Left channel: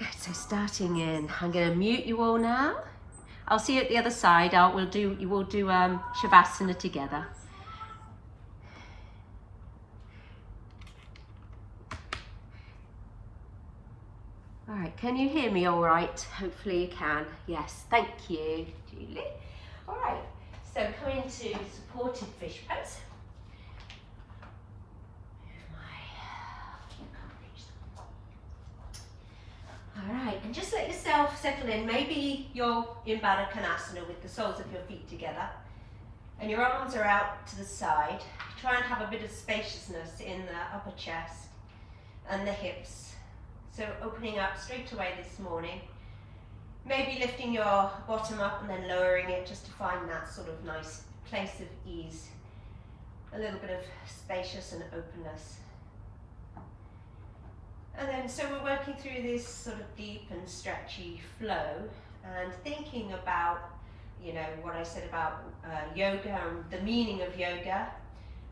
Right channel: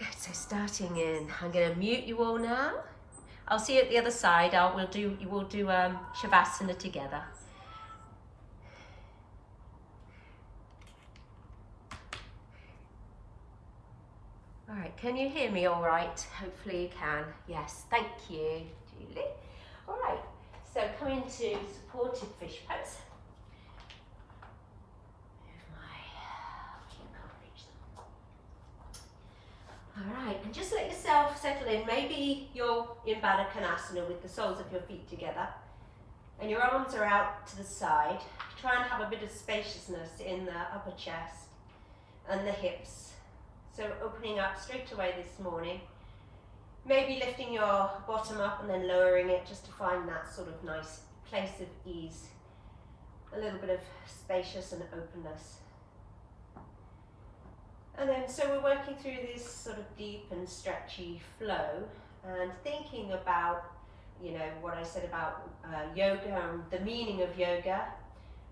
Good, so starting in, I'm going to mute you all now. I'll see you at the other side. We'll do Shavasana together. All right, can you hear me all right? Hopefully you can. Yes, thank you, Julie. All right, so come into supported fish pose. All right, and just let yourself settle in. Maybe you're in Baddha Konasana with the soles of your feet together and your arms are out to the side. Try and have a bit of spaciousness in the upper chest and the hips. So opening up straight away this morning. Maybe lifting your bottom up and then lowering it just to find that sort of nice place of ease. A little bit of spacious and openness. And then, so we're working through this sort of deep and stretchy flow and thinking about, you know, what I said about yoga and the meaning of yoga,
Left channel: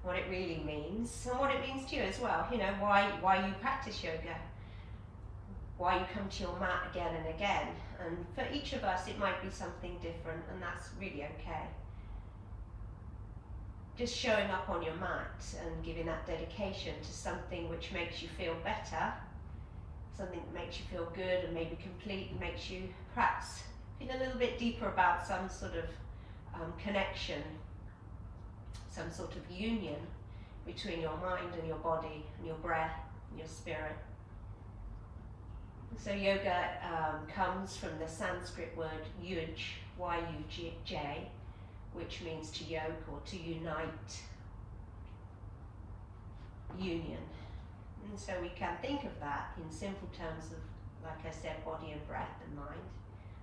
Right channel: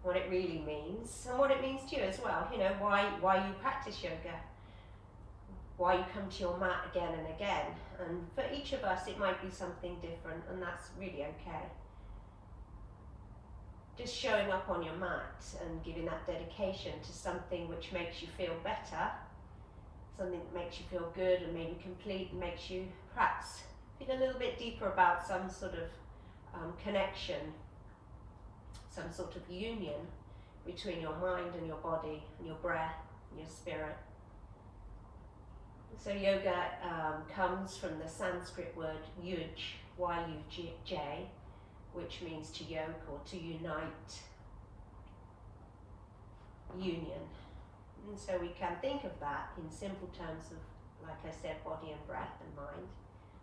what it really means, and what it means to you as well. You know, why you practice yoga, why you come to your mat again and again. And for each of us, it might be something different, and that's really okay. Just showing up on your mat and giving that dedication to something which makes you feel better, something that makes you feel good and maybe complete, and makes you perhaps feel a little bit deeper about some sort of connection, some sort of union between your mind and your body and your breath and your spirit. So yoga comes from the Sanskrit word yuj, Y-U-J, which means to yoke or to unite, union. And so we can think of that in simple terms of, like I said, body and breath and mind.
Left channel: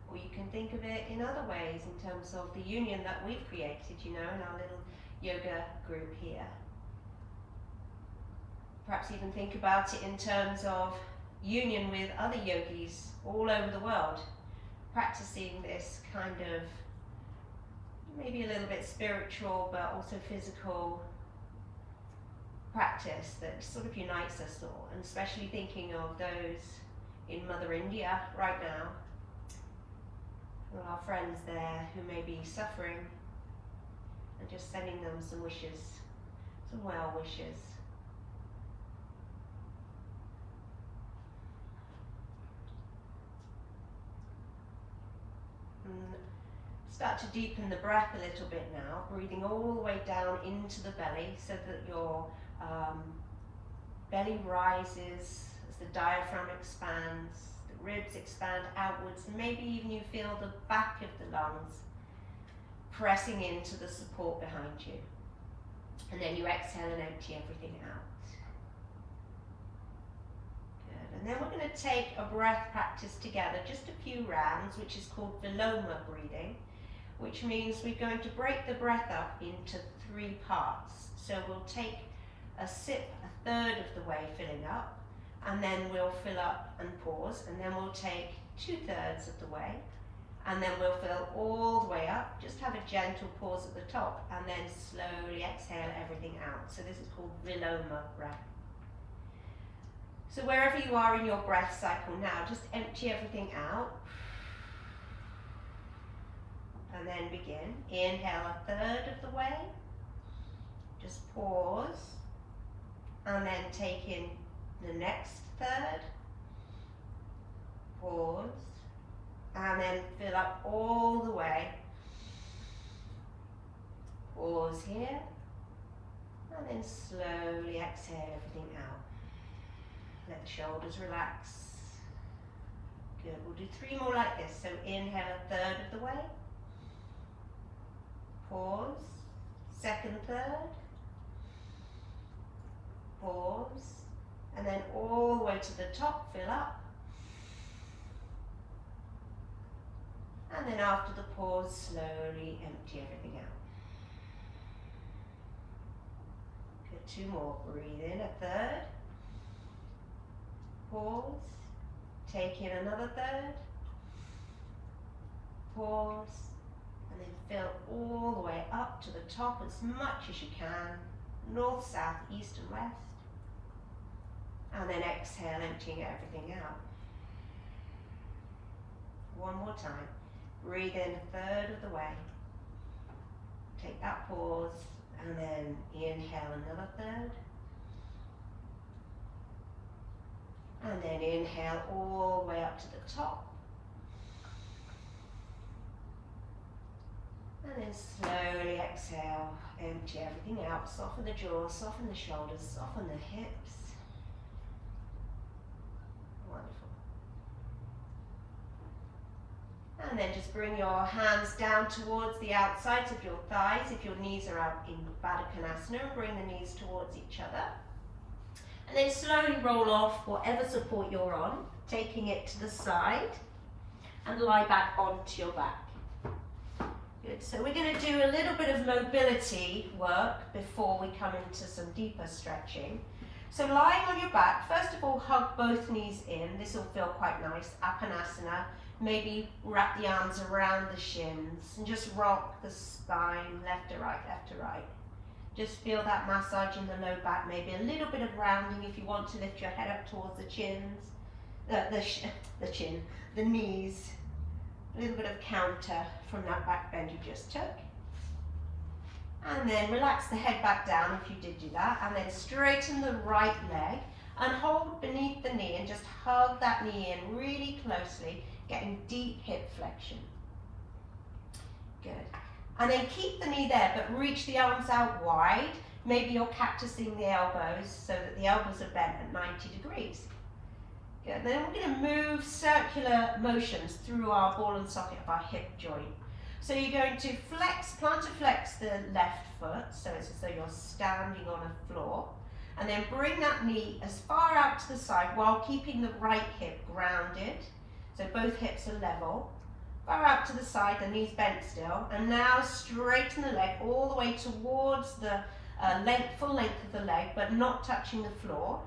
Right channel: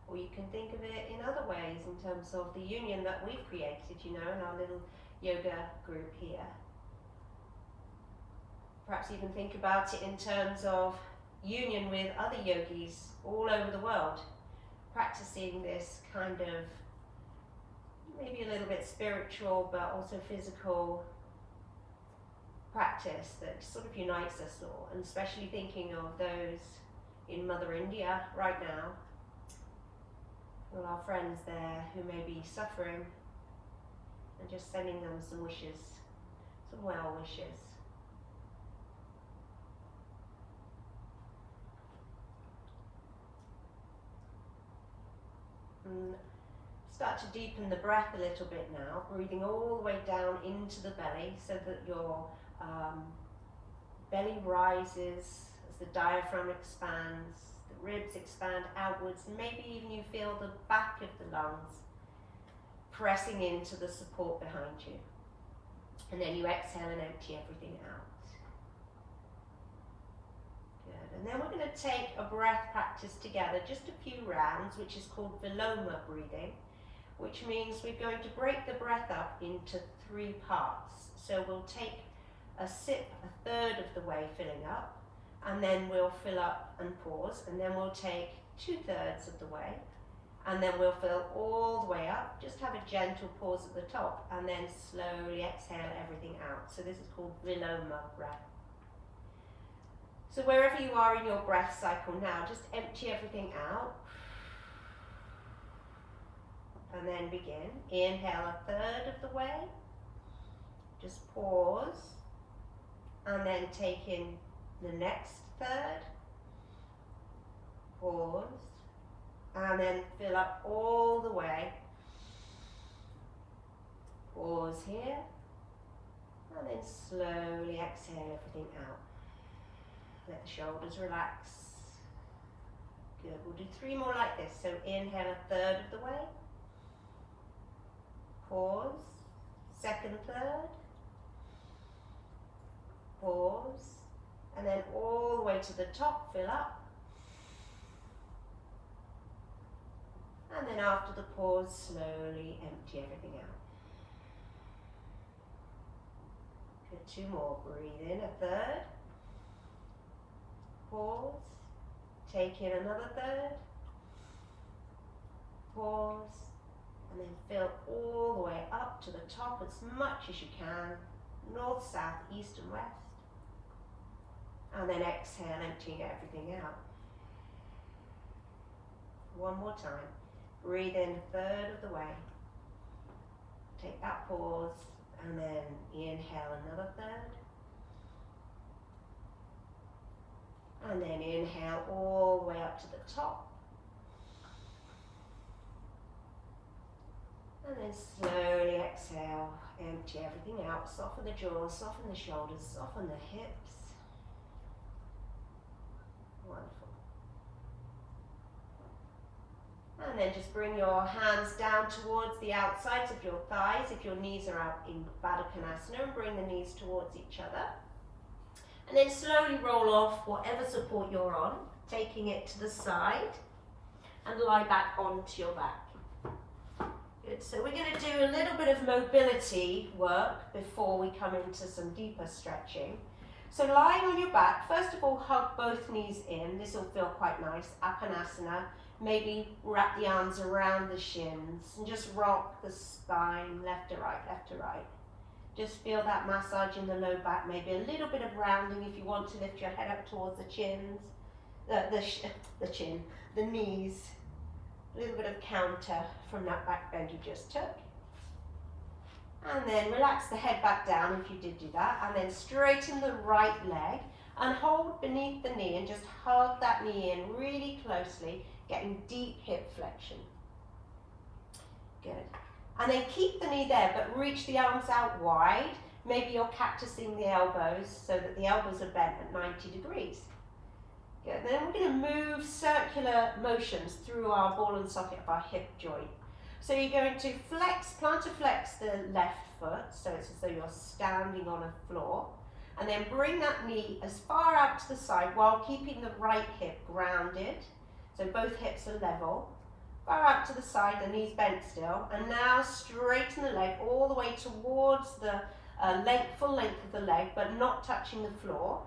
Or you can think of it in other ways in terms of the union that we've created, you know, in our little yoga group here. Perhaps even think about it in terms of union with other yogis all over the world, practicing this kind of maybe a little bit spiritual but also physical practice that sort of unites us all, and especially thinking of those in Mother India right now, all our friends there who may be suffering, and just sending them some wishes, some well wishes. And start to deepen the breath a little bit now, breathing all the way down into the belly so that your belly rises as the diaphragm expands, the ribs expand outwards, and maybe even you feel the back of the lungs pressing into the support behind you. And then you exhale and empty everything out. Good. And then we're going to take a breath practice together, just a few rounds, which is called Viloma breathing, which means we're going to break the breath up into 3 parts. So we'll take a sip a third of the way filling up, and then we'll fill up and pause, and then we'll take 2/3 of the way, and then we'll fill all the way up, just have a gentle pause at the top, and then slowly exhale everything out. So this is called Viloma breath. So wherever you are in your breath cycle now, just empty everything out, and then begin. Inhale a third of the way, just pause, and then take in the next third, pause, and then fill up all the way, pause here, and then slowly exhale everything out. Let the shoulders relax. Good, we'll do 3 more like this. So inhale a third of the way, pause, second third, pause, and then all the way to the top, fill up. And then after the pause, slowly empty everything out. Good, 2 more. Breathe in a third, pause, take in another third, pause, and then fill all the way up to the top as much as you can, north, south, east and west. And then exhale, emptying everything out. One more time. Breathe in a third of the way. Take that pause and then inhale another third. And then inhale all the way up to the top. And then slowly exhale, empty everything out, soften the jaw, soften the shoulders, soften the hips. Wonderful. And then just bring your hands down towards the outsides of your thighs if your knees are out in Baddha Konasana, and bring the knees towards each other. And then slowly roll off whatever support you're on, taking it to the side and lie back onto your back. Good, so we're going to do a little bit of mobility work before we come into some deeper stretching. So lying on your back, first of all, hug both knees in. This will feel quite nice. Apanasana. Maybe wrap the arms around the shins and just rock the spine left to right, left to right. Just feel that massage in the low back, maybe a little bit of rounding if you want to lift your head up towards the chins, the knees. A little bit of counter from that back bend you just took. And then relax the head back down if you did do that, and then straighten the right leg and hold beneath the knee and just hug that knee in really closely, getting deep hip flexion. Good. And then keep the knee there, but reach the arms out wide. Maybe you're cactusing the elbows so that the elbows are bent at 90 degrees. Good. Then we're going to move circular motions through our ball and socket of our hip joint. So you're going to plantar flex the left foot, so it's as though you're standing on a floor. And then bring that knee as far out to the side while keeping the right hip grounded. So both hips are level. Far out to the side, the knee's bent still. And now straighten the leg all the way towards the full length of the leg, but not touching the floor.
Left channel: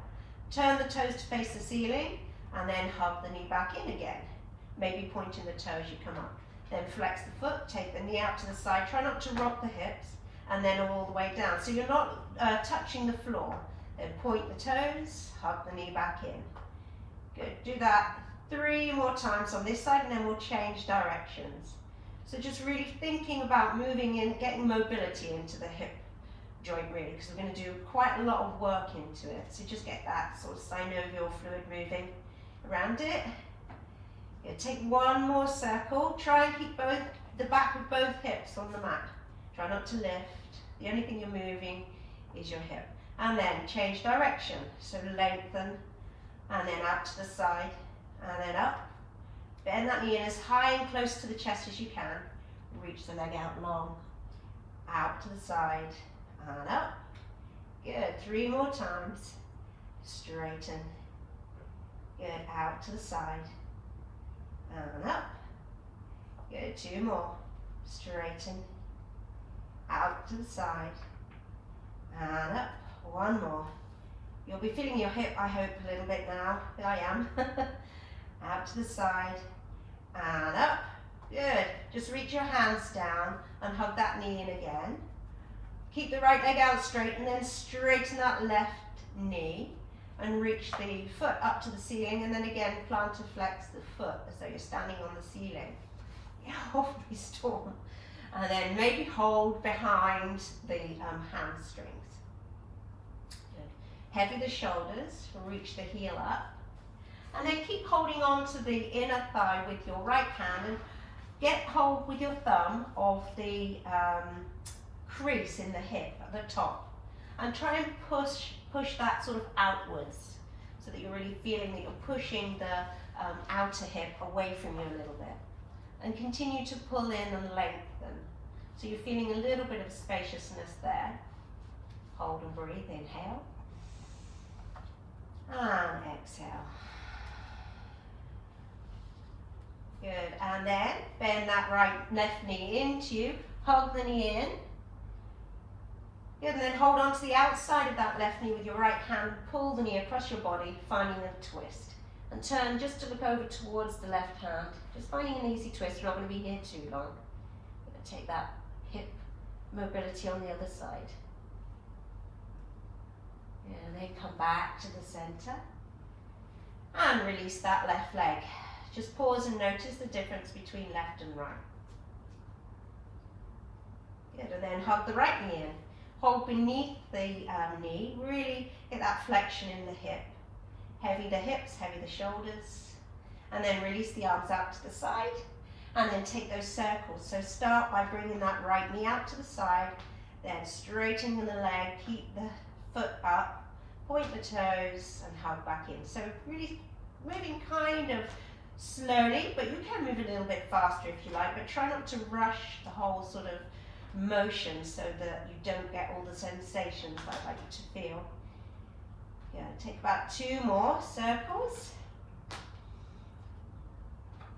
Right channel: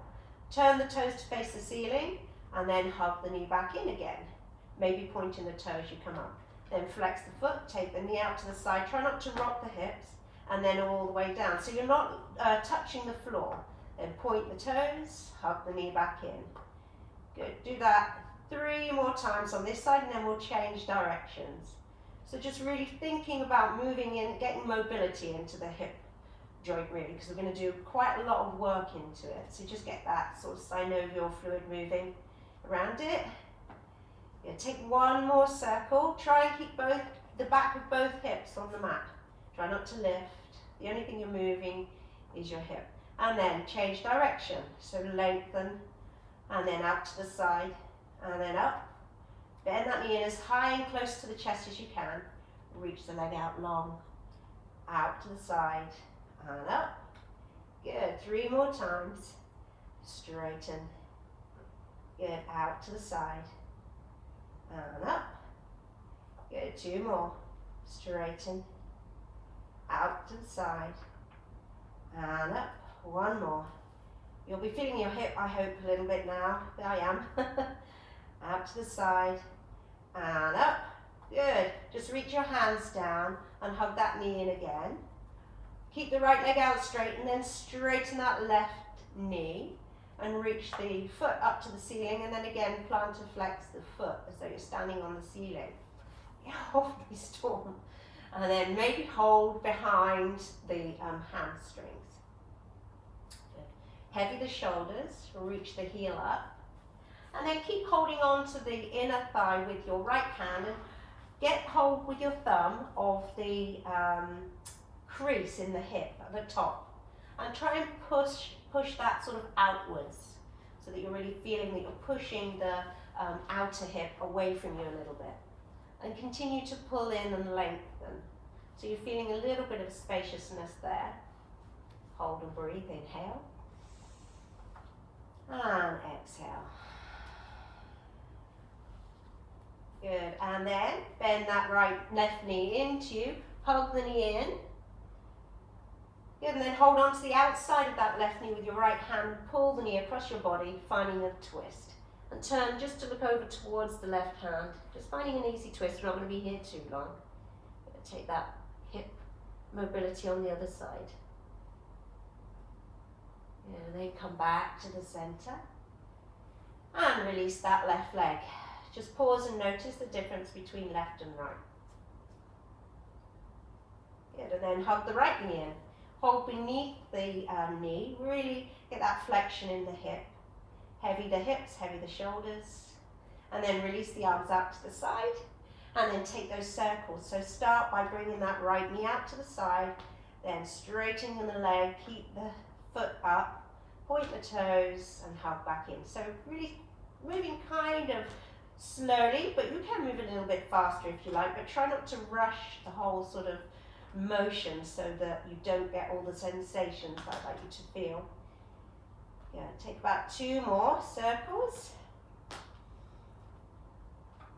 Turn the toes to face the ceiling, and then hug the knee back in again. Maybe pointing the toes, you come up. Then flex the foot, take the knee out to the side. Try not to rock the hips, and then all the way down. So you're not touching the floor. Then point the toes, hug the knee back in. Good, do that 3 more times on this side, and then we'll change directions. So just really thinking about moving in, getting mobility into the hip joint really, because we're going to do quite a lot of work into it. So just get that sort of synovial fluid moving around it. Yeah, take one more circle. Try and keep the back of both hips on the mat. Try not to lift. The only thing you're moving is your hip. And then change direction. So lengthen, and then out to the side, and then up. Bend that knee in as high and close to the chest as you can. Reach the leg out long. Out to the side, and up. Good, 3 more times. Straighten. Good, out to the side, and up. Good, 2 more. Straighten. Out to the side, and up. 1 more. You'll be feeling your hip, I hope, a little bit now. I am. Out to the side, and up. Good. Just reach your hands down and hug that knee in again. Keep the right leg out straight, and then straighten that left knee and reach the foot up to the ceiling, and then again plantar flex the foot as though you're standing on the ceiling. Hopefully storm. And then maybe hold behind the hamstrings. Good. Heavy the shoulders, reach the heel up. And then keep holding on to the inner thigh with your right hand, and get hold with your thumb of the crease in the hip at the top, and try and push that sort of outwards so that you're really feeling that you're pushing the outer hip away from you a little bit, and continue to pull in and lengthen so you're feeling a little bit of spaciousness there. Hold and breathe. Inhale and exhale. Good, and then bend that left knee into you, hug the knee in. Good, and then hold on to the outside of that left knee with your right hand, pull the knee across your body, finding a twist. And turn just to look over towards the left hand, just finding an easy twist. We're not going to be here too long. We're going to take that hip mobility on the other side. And then come back to the center. And release that left leg. Just pause and notice the difference between left and right. Good, and then hug the right knee in. Hold beneath the knee, really get that flexion in the hip. Heavy the hips, heavy the shoulders. And then release the arms out to the side. And then take those circles. So start by bringing that right knee out to the side, then straightening the leg, keep the foot up, point the toes and hug back in. So really moving kind of slowly, but you can move a little bit faster if you like, but try not to rush the whole sort of motion so that you don't get all the sensations I'd like you to feel. Yeah, take about 2 more circles.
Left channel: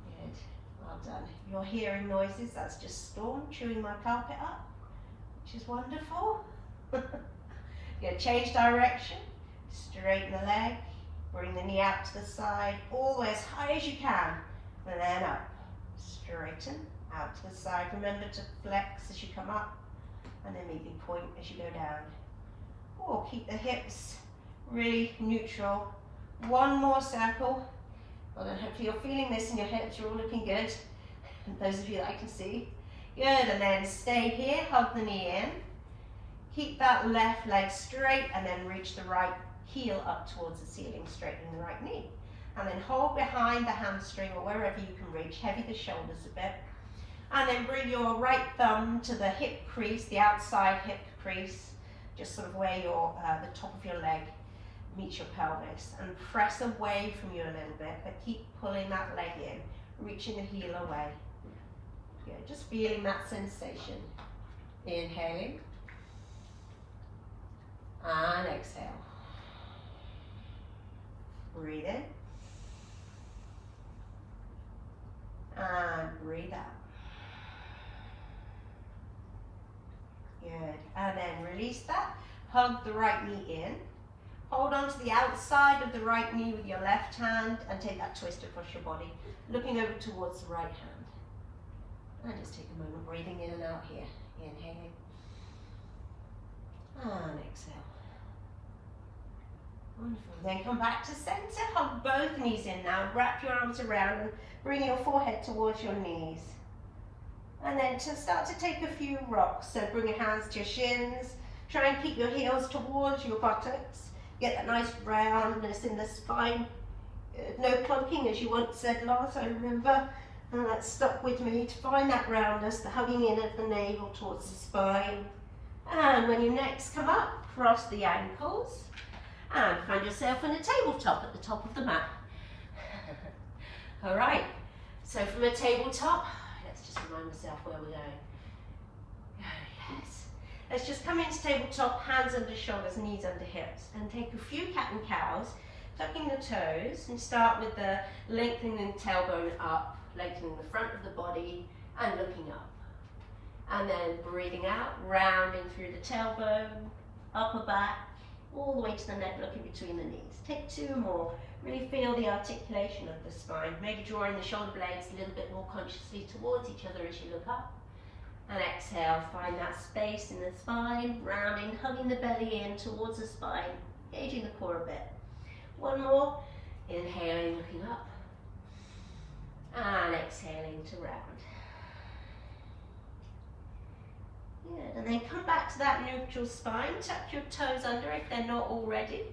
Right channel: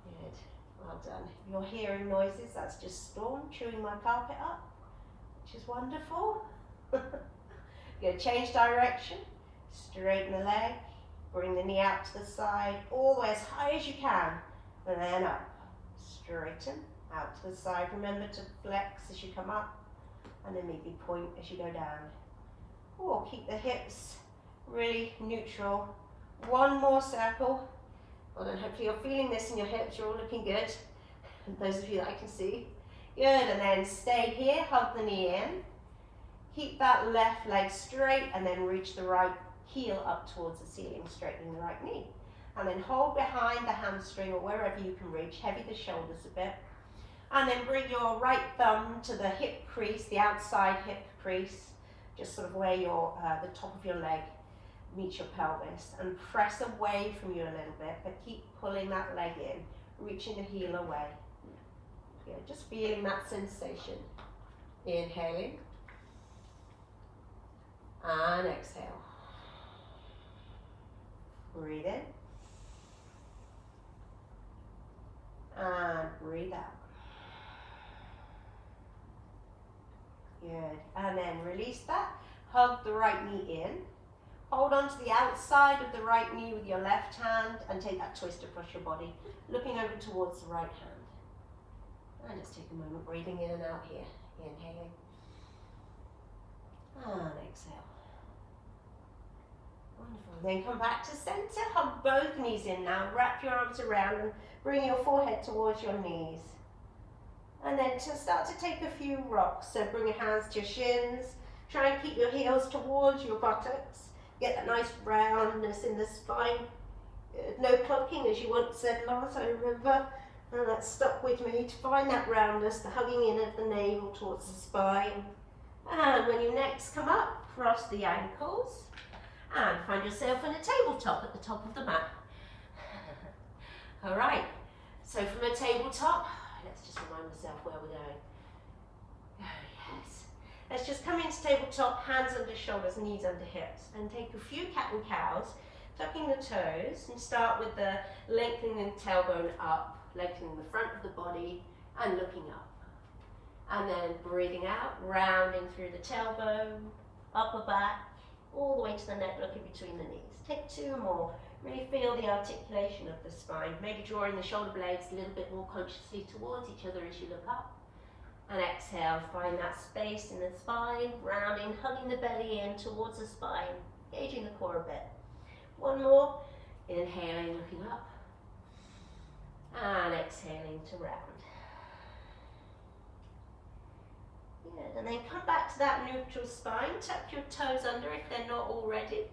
Good, well done. If you're hearing noises, that's just Storm chewing my carpet up, which is wonderful. Good, change direction, straighten the leg, bring the knee out to the side, all the way as high as you can, and then up. Straighten, out to the side. Remember to flex as you come up, and then maybe point as you go down. Or keep the hips really neutral. 1 more circle. Well then, hopefully you're feeling this in your hips, you're all looking good. And those of you that I can see. Good, and then stay here, hug the knee in. Keep that left leg straight, and then reach the right heel up towards the ceiling, straightening the right knee. And then hold behind the hamstring or wherever you can reach, heavy the shoulders a bit. And then bring your right thumb to the hip crease, the outside hip crease, just sort of where your the top of your leg meets your pelvis. And press away from you a little bit, but keep pulling that leg in, reaching the heel away. Good, just feeling that sensation. Inhaling. And exhale. Breathe in. And breathe out. Good. And then release that. Hug the right knee in. Hold on to the outside of the right knee with your left hand and take that twist across your body, looking over towards the right hand. And just take a moment breathing in and out here. Inhaling. And exhale. Wonderful. Then come back to center. Hug both knees in now. Wrap your arms around and bring your forehead towards your knees. And then to start to take a few rocks. So bring your hands to your shins. Try and keep your heels towards your buttocks. Get that nice roundness in the spine. No clunking, as you once said, Lars, I remember. And that stuck with me, to find that roundness, the hugging in of the navel towards the spine. And when you next come up, cross the ankles. And find yourself in a tabletop at the top of the mat. All right, so from a tabletop, let's just remind myself where we're going. Oh, yes. Let's just come into tabletop, hands under shoulders, knees under hips, and take a few cat and cows, tucking the toes, and start with the lengthening the tailbone up, lengthening the front of the body, and looking up. And then breathing out, rounding through the tailbone, upper back, all the way to the neck, looking between the knees. Take 2 more. Really feel the articulation of the spine. Maybe drawing the shoulder blades a little bit more consciously towards each other as you look up. And exhale, find that space in the spine, rounding, hugging the belly in towards the spine, engaging the core a bit. 1 more. Inhaling, looking up. And exhaling to round. Good, and then come back to that neutral spine, tuck your toes under if they're not already,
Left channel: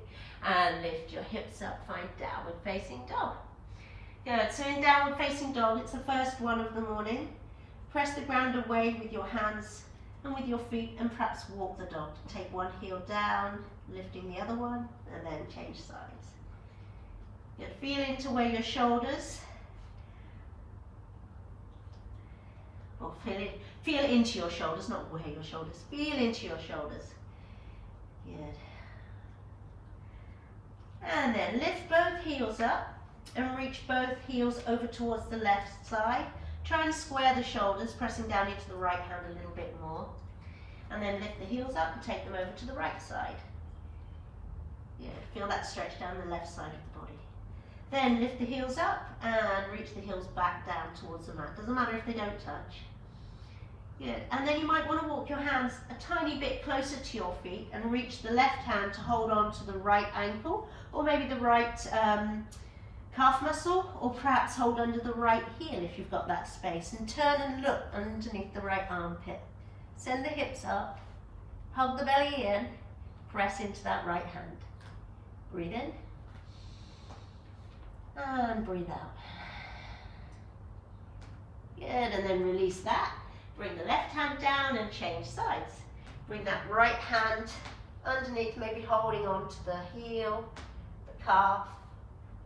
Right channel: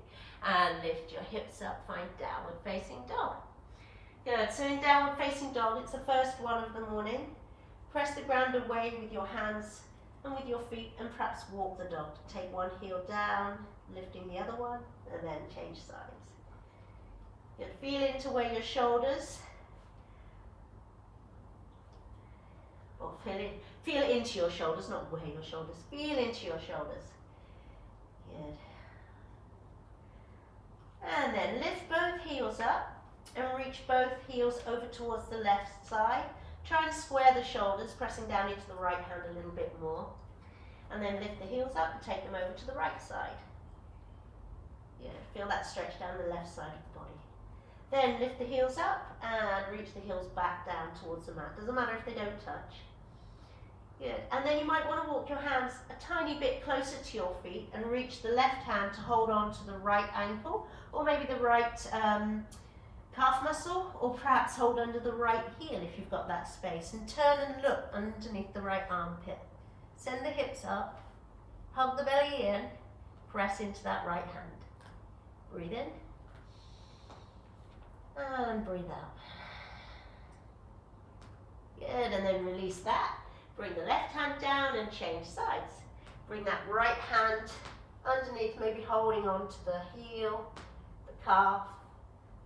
and lift your hips up, find downward facing dog. Good, so in downward facing dog, it's the first one of the morning. Press the ground away with your hands and with your feet, and perhaps walk the dog. Take one heel down, lifting the other one, and then change sides. Good, feel into where your shoulders, or feel into your shoulders, not where your shoulders. Feel into your shoulders. Good. And then lift both heels up and reach both heels over towards the left side. Try and square the shoulders, pressing down into the right hand a little bit more. And then lift the heels up and take them over to the right side. Yeah, feel that stretch down the left side of the body. Then lift the heels up and reach the heels back down towards the mat. Doesn't matter if they don't touch. Good, and then you might want to walk your hands a tiny bit closer to your feet and reach the left hand to hold on to the right ankle, or maybe the right calf muscle, or perhaps hold under the right heel if you've got that space, and turn and look underneath the right armpit. Send the hips up, hug the belly in, press into that right hand. Breathe in, and breathe out. Good, and then release that. Bring the left hand down and change sides. Bring that right hand underneath, maybe holding on to the heel, the calf.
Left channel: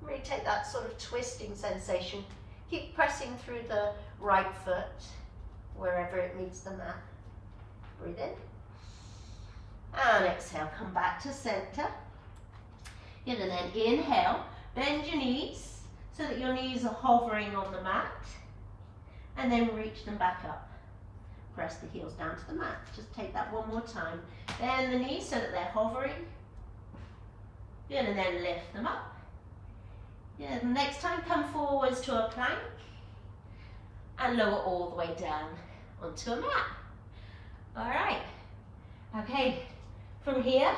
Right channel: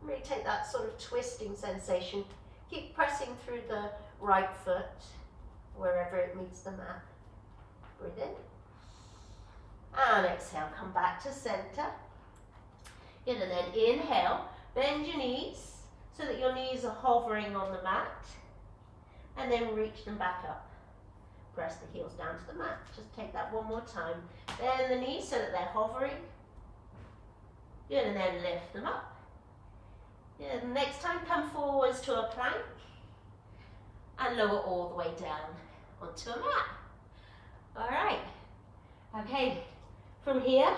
Really take that sort of twisting sensation. Keep pressing through the right foot, wherever it meets the mat. Breathe in. And exhale, come back to center. Good, and then inhale, bend your knees so that your knees are hovering on the mat. And then reach them back up. Press the heels down to the mat. Just take that one more time. Bend the knees so that they're hovering. Good, and then lift them up. Good, and next time come forwards to a plank and lower all the way down onto a mat. All right. Okay, from here,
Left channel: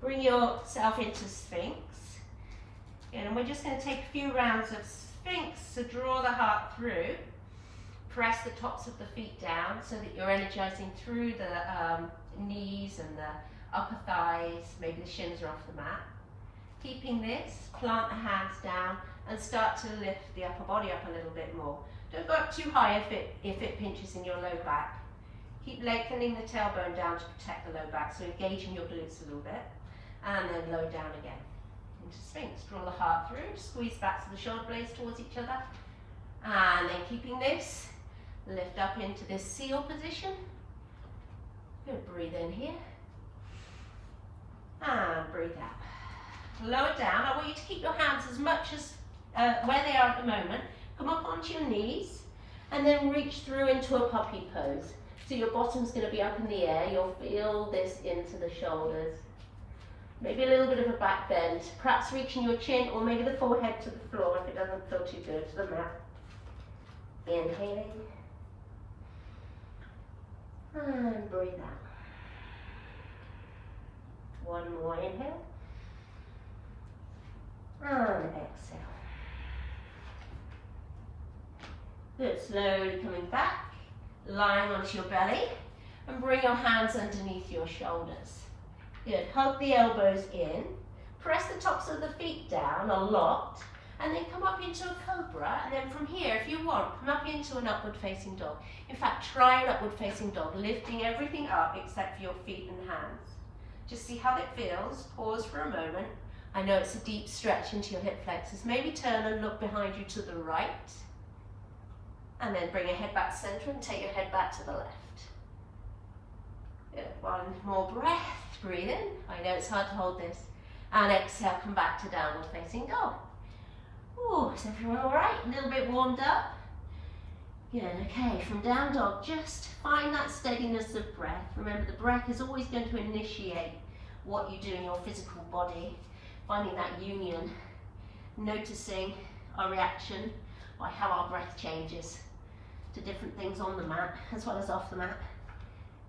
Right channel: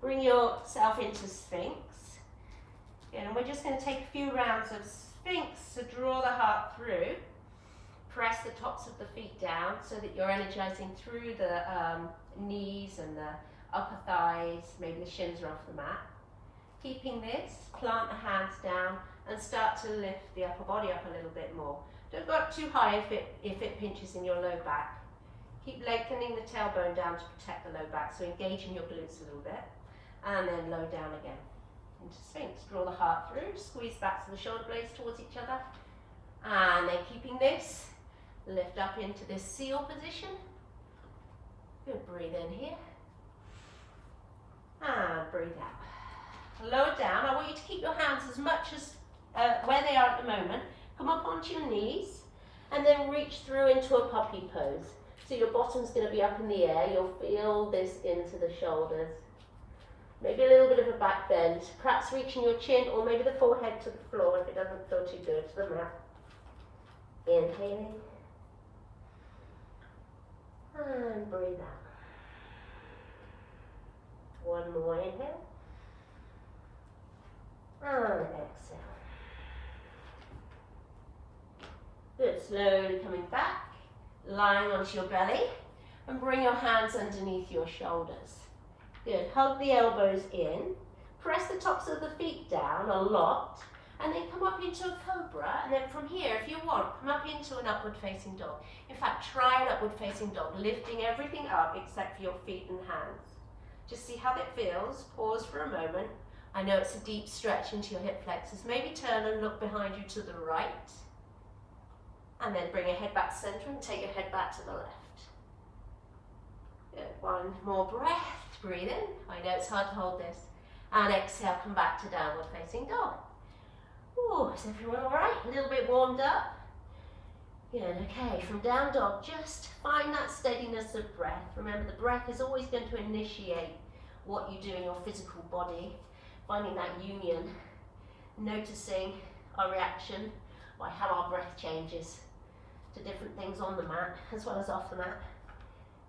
bring yourself into Sphinx. Good, and we're just going to take a few rounds of Sphinx, so draw the heart through. Press the tops of the feet down so that you're energizing through the knees and the upper thighs, maybe the shins are off the mat. Keeping this, plant the hands down and start to lift the upper body up a little bit more. Don't go up too high if it pinches in your low back. Keep lengthening the tailbone down to protect the low back, so engaging your glutes a little bit. And then low down again. Into Sphinx, draw the heart through, squeeze back to the shoulder blades towards each other. And then keeping this, lift up into this seal position. Good, breathe in here. And breathe out. Lower down, I want you to keep your hands as much as where they are at the moment. Come up onto your knees and then reach through into a puppy pose. So your bottom's going to be up in the air. You'll feel this into the shoulders. Maybe a little bit of a back bend. Perhaps reaching your chin or maybe the forehead to the floor if it doesn't feel too good, to the mat. Inhaling. And breathe out. One more inhale. And exhale. Good, slowly coming back, lying onto your belly, and bring your hands underneath your shoulders. Good, hug the elbows in, press the tops of the feet down a lot, and then come up into a cobra, and then from here, if you want, come up into an upward facing dog. In fact, try an upward facing dog, lifting everything up except for your feet and hands. Just see how it feels, pause for a moment. I know it's a deep stretch into your hip flexors. Maybe turn and look behind you to the right. And then bring your head back to center and take your head back to the left. Good. One more breath. Breathe in. I know it's hard to hold this. And exhale, come back to downward facing dog. Ooh, is everyone all right? A little bit warmed up? Good, okay, from down dog, just find that steadiness of breath. Remember, the breath is always going to initiate what you do in your physical body. Finding that union, noticing our reaction by how our breath changes to different things on the mat as well as off the mat.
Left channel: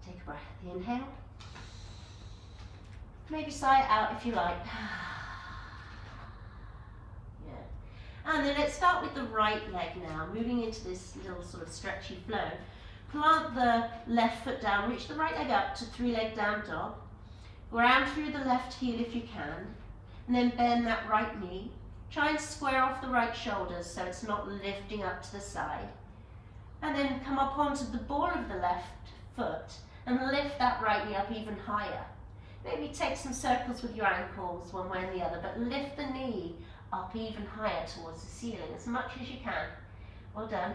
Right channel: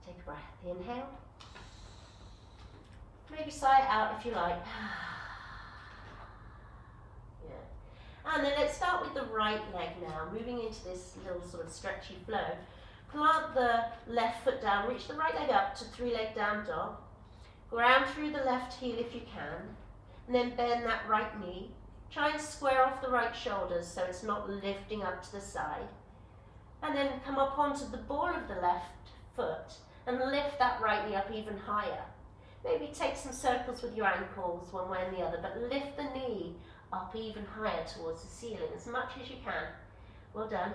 Take a breath, inhale. Maybe sigh it out if you like. Yeah. And then let's start with the right leg now, moving into this little sort of stretchy flow. Plant the left foot down, reach the right leg up to three-leg down dog. Ground through the left heel if you can. And then bend that right knee. Try and square off the right shoulders so it's not lifting up to the side. And then come up onto the ball of the left foot and lift that right knee up even higher. Maybe take some circles with your ankles one way and the other, but lift the knee up even higher towards the ceiling as much as you can. Well done.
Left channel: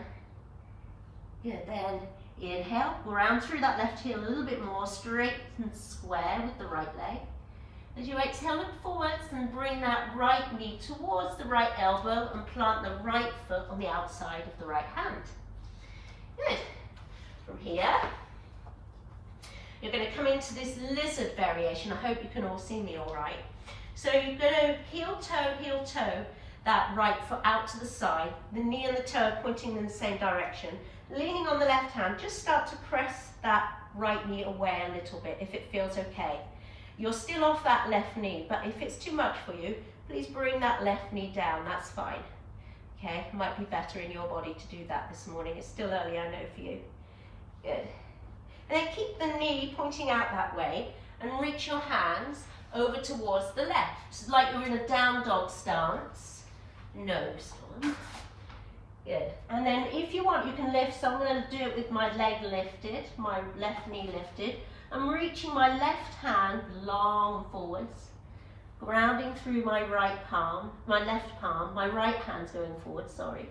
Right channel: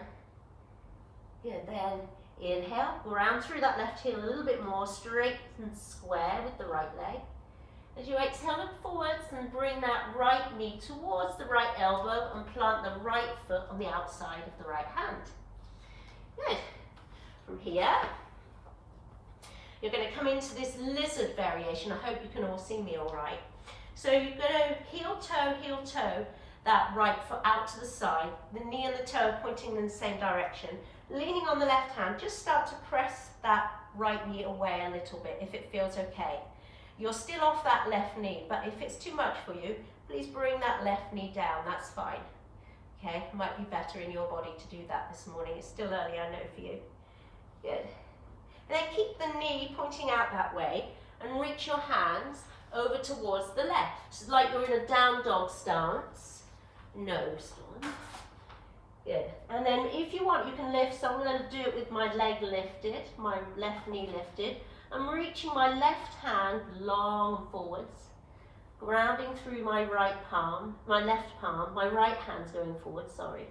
Good, then inhale, round through that left heel a little bit more, straight and square with the right leg. As you exhale, look forwards and bring that right knee towards the right elbow and plant the right foot on the outside of the right hand. Good. From here, you're going to come into this lizard variation. I hope you can all see me all right. So you're going to heel toe that right foot out to the side, the knee and the toe pointing in the same direction. Leaning on the left hand, just start to press that right knee away a little bit if it feels okay. You're still off that left knee, but if it's too much for you, Please bring that left knee down, that's fine. Okay, it might be better in your body to do that this morning. It's still early, I know, for you. Good. And then keep the knee pointing out that way and reach your hands over towards the left. It's like you're in a down dog stance. Nose on. Good. And then if you want, you can lift. So I'm going to do it with my leg lifted, my left knee lifted. I'm reaching my left hand long forwards, grounding through my right palm, my left palm, my right hand's going forward, sorry.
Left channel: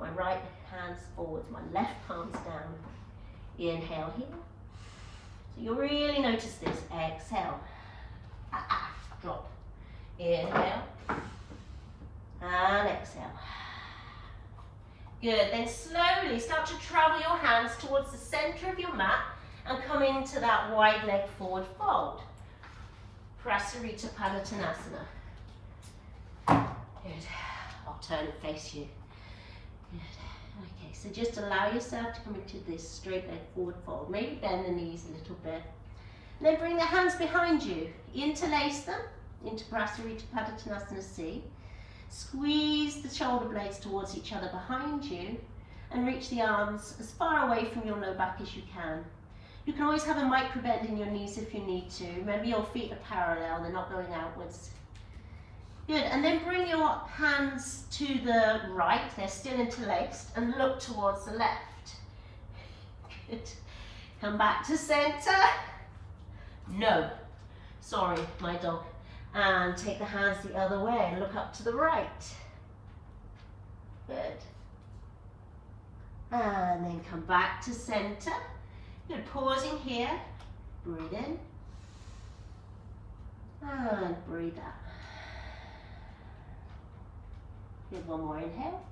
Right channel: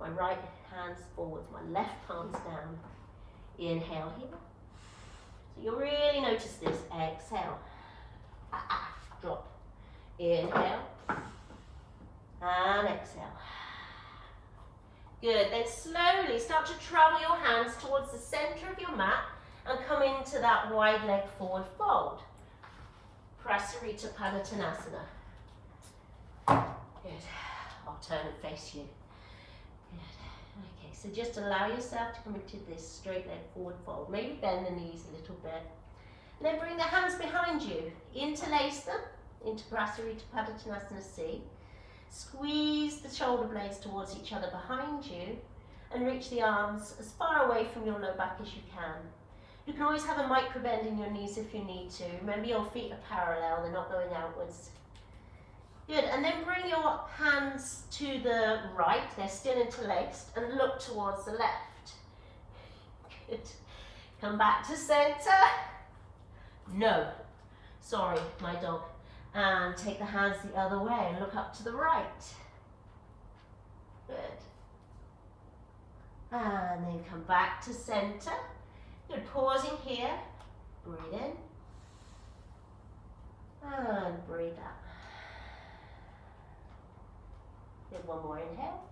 My right hand's forwards, my left palm's down. Inhale here. So you'll really notice this. Exhale. Drop. Inhale. And exhale. Good. Then slowly start to travel your hands towards the center of your mat and come into that wide leg forward fold. Prasarita Padottanasana. Good. I'll turn and face you. Good. Okay, so just allow yourself to come into this straight leg forward fold. Maybe bend the knees a little bit. And then bring the hands behind you. Interlace them into Prasarita Padottanasana C. Squeeze the shoulder blades towards each other behind you and reach the arms as far away from your low back as you can. You can always have a micro bend in your knees if you need to. Remember, your feet are parallel, they're not going outwards. Good, and then bring your hands to the right, they're still interlaced, and look towards the left. Good. Come back to center. No. Sorry, my dog. And take the hands the other way and look up to the right. Good. And then come back to center. Good, pausing here. Breathe in. And breathe out. Good, one more inhale.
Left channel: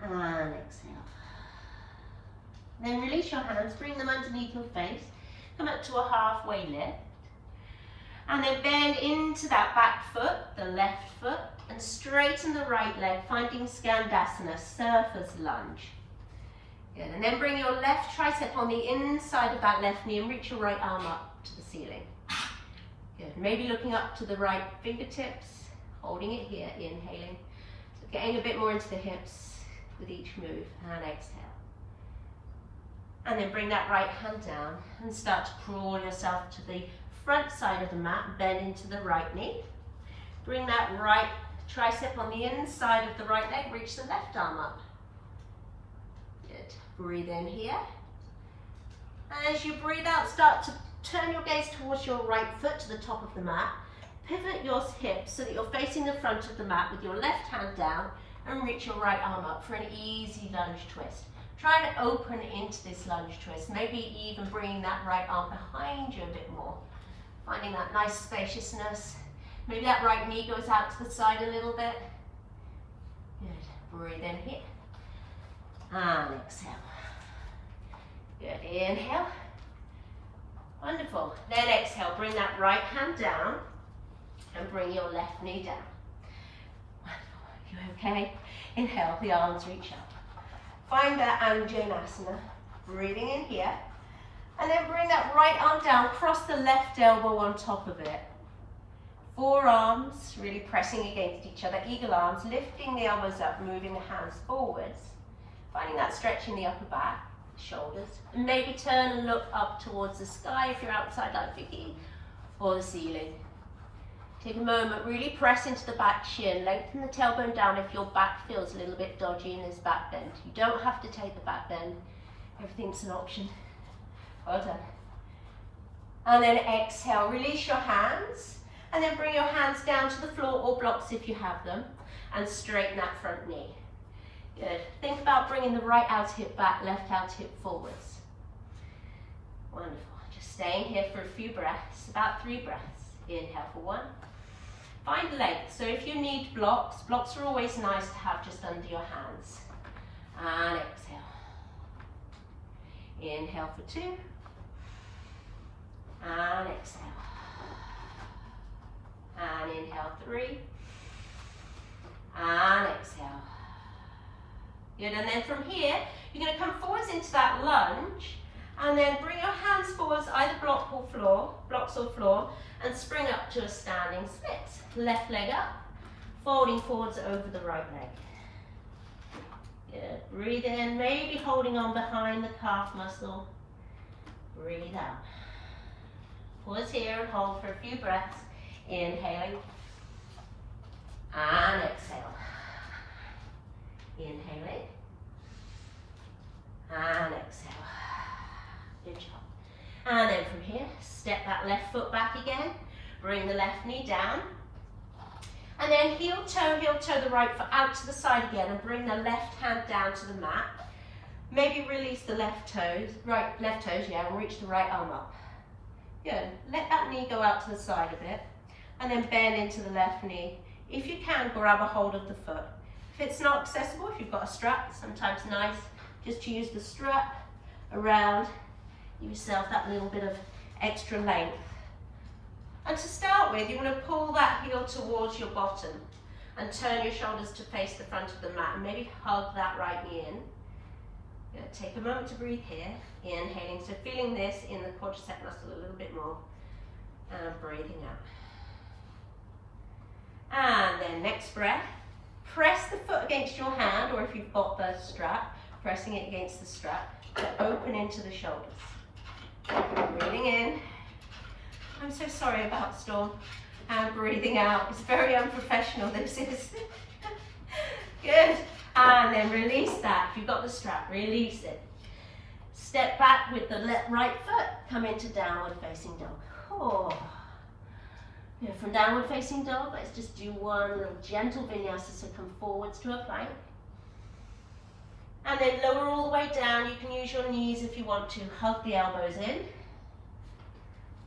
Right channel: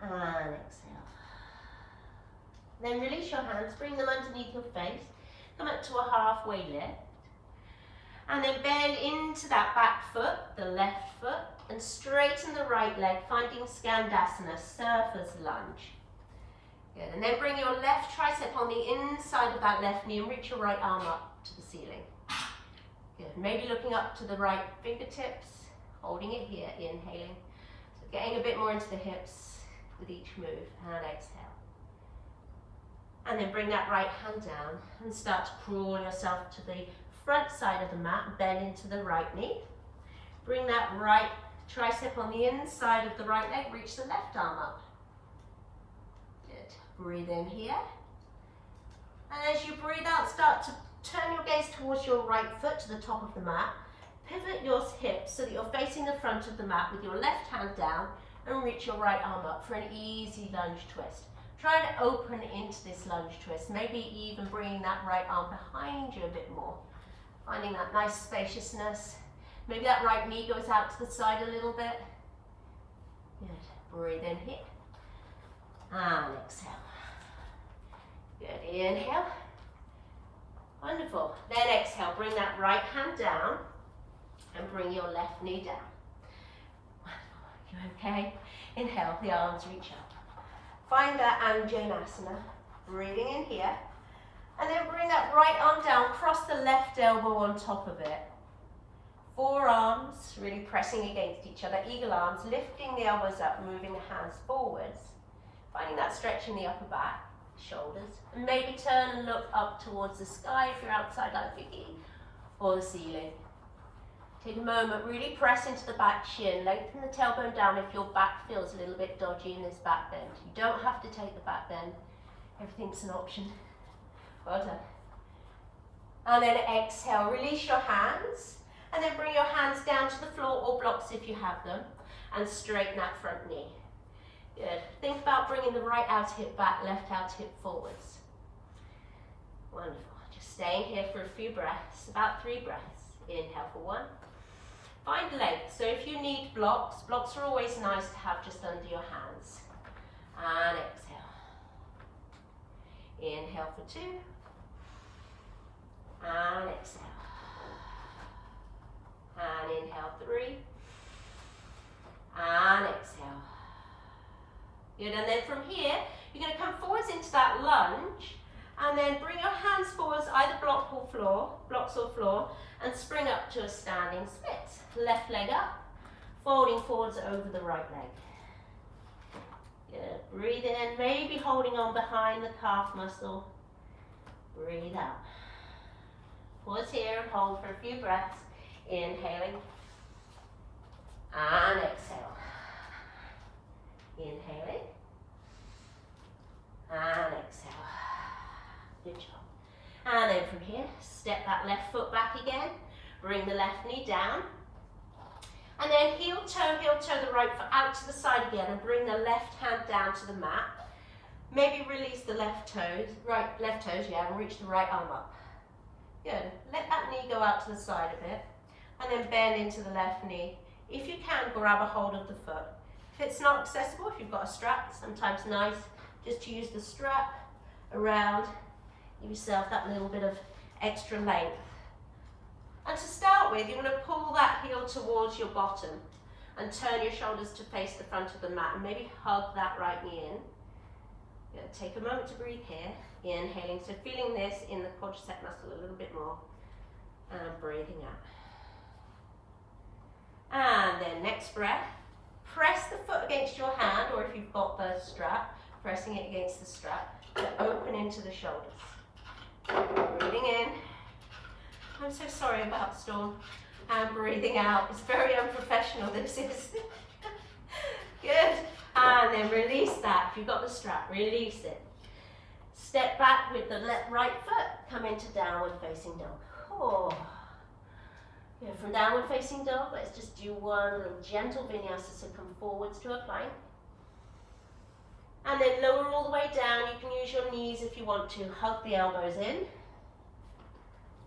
And exhale. Then release your hands, bring them underneath your face. Come up to a halfway lift. And then bend into that back foot, the left foot, and straighten the right leg, finding Skandasana, surfer's lunge. Good, and then bring your left tricep on the inside of that left knee and reach your right arm up to the ceiling. Good, maybe looking up to the right fingertips, holding it here, inhaling. So getting a bit more into the hips with each move, and exhale. And then bring that right hand down and start to crawl yourself to the front side of the mat, bend into the right knee. Bring that right tricep on the inside of the right leg, reach the left arm up. Good. Breathe in here. And as you breathe out, start to turn your gaze towards your right foot to the top of the mat. Pivot your hips so that you're facing the front of the mat with your left hand down and reach your right arm up for an easy lunge twist. Try to open into this lunge twist, maybe even bringing that right arm behind you a bit more. Finding that nice spaciousness. Maybe that right knee goes out to the side a little bit. Good. Breathe in here. And exhale. Good. Inhale. Wonderful. Then exhale. Bring that right hand down and bring your left knee down. Wonderful. You okay? Inhale. The arms reach up. Find that Anjanasana. Breathing in here. And then bring that right arm down, cross the left elbow on top of it. Forearms really pressing against each other, eagle arms, lifting the elbows up, moving the hands forwards. Finding that stretch in the upper back, shoulders. And maybe turn and look up towards the sky if you're outside like Vicky, or the ceiling. Take a moment, really press into the back shin, lengthen the tailbone down if your back feels a little bit dodgy in this back bend. You don't have to take the back bend, everything's an option. Well done. And then exhale, release your hands, and then bring your hands down to the floor or blocks if you have them, and straighten that front knee. Good. Think about bringing the right outer hip back, left outer hip forwards. Wonderful. Just staying here for a few breaths, about 3 breaths. Inhale for 1. Find length. So if you need blocks, blocks are always nice to have just under your hands. And exhale. Inhale for 2. And exhale. And inhale 3. And exhale. Good, and then from here, you're going to come forwards into that lunge, and then bring your hands forwards, either blocks or floor, and spring up to a standing split. Left leg up, folding forwards over the right leg. Good. Breathe in, maybe holding on behind the calf muscle. Breathe out. Pause here and hold for a few breaths. Inhaling and exhale. Inhaling and exhale. Good job. And then from here, step that left foot back again. Bring the left knee down. And then heel toe the right foot out to the side again and bring the left hand down to the mat. Maybe release the left toes, and reach the right arm up. Good. Let that knee go out to the side a bit and then bend into the left knee. If you can, grab a hold of the foot. If it's not accessible, if you've got a strap, sometimes nice just to use the strap around yourself, that little bit of extra length. And to start with, you want to pull that heel towards your bottom and turn your shoulders to face the front of the mat and maybe hug that right knee in. Good. Take a moment to breathe here. Inhaling, so feeling this in the quadricep muscle a little bit more. And breathing out. And then next breath, press the foot against your hand, or if you've got the strap, pressing it against the strap to open into the shoulders. Breathing in. I'm so sorry about Storm. And breathing out. It's very unprofessional, this is. Good. And then release that. If you've got the strap, release it. Step back with the right foot. Come into downward facing dog. Oh. Good. From downward facing dog, let's just do one little gentle vinyasa. So come forwards to a plank. And then lower all the way down. You can use your knees if you want to. Hug the elbows in.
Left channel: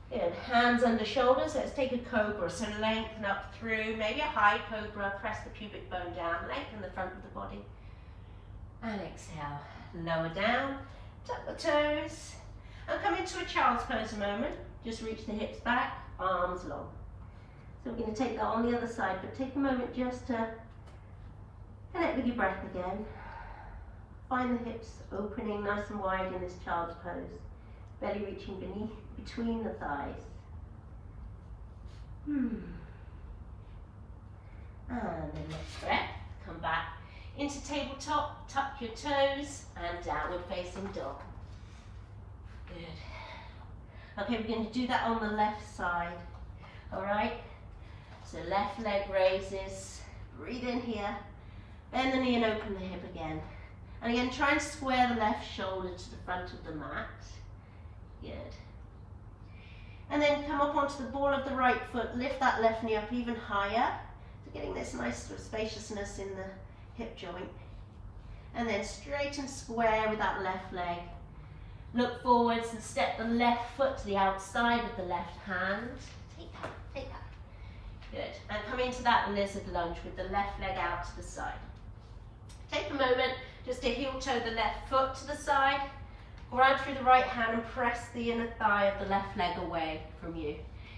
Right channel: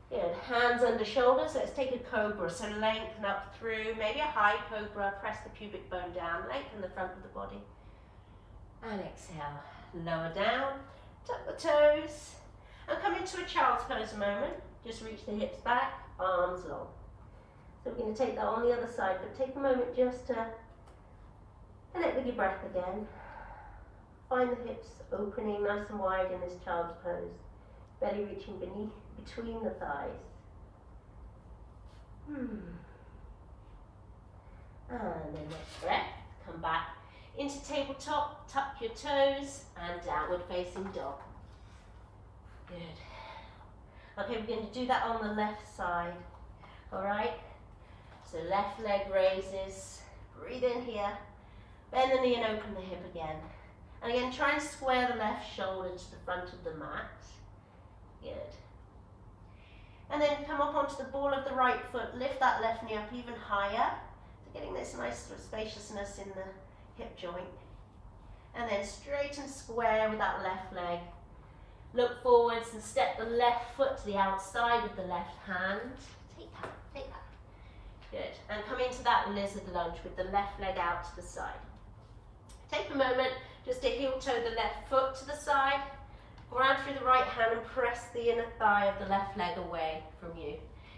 Good. Hands under shoulders. Let's take a cobra. So lengthen up through, maybe a high cobra. Press the pubic bone down. Lengthen the front of the body. And exhale. Lower down. Tuck the toes. And come into a child's pose a moment. Just reach the hips back. Arms long. So we're going to take that on the other side. But take a moment just to connect with your breath again. Find the hips opening nice and wide in this child's pose. Belly reaching between the thighs. And then next breath, come back into tabletop, tuck your toes, and downward facing dog. Good. Okay, we're going to do that on the left side. All right? So left leg raises, breathe in here, bend the knee and open the hip again. And again, try and square the left shoulder to the front of the mat. Good. And then come up onto the ball of the right foot, lift that left knee up even higher. So getting this nice sort of spaciousness in the hip joint. And then straight and square with that left leg. Look forwards and step the left foot to the outside with the left hand. Take that, take that. Good. And come into that lizard lunge with the left leg out to the side. Take a moment just to heel toe the left foot to the side. Grab through the right hand and press the inner thigh of the left leg away from you.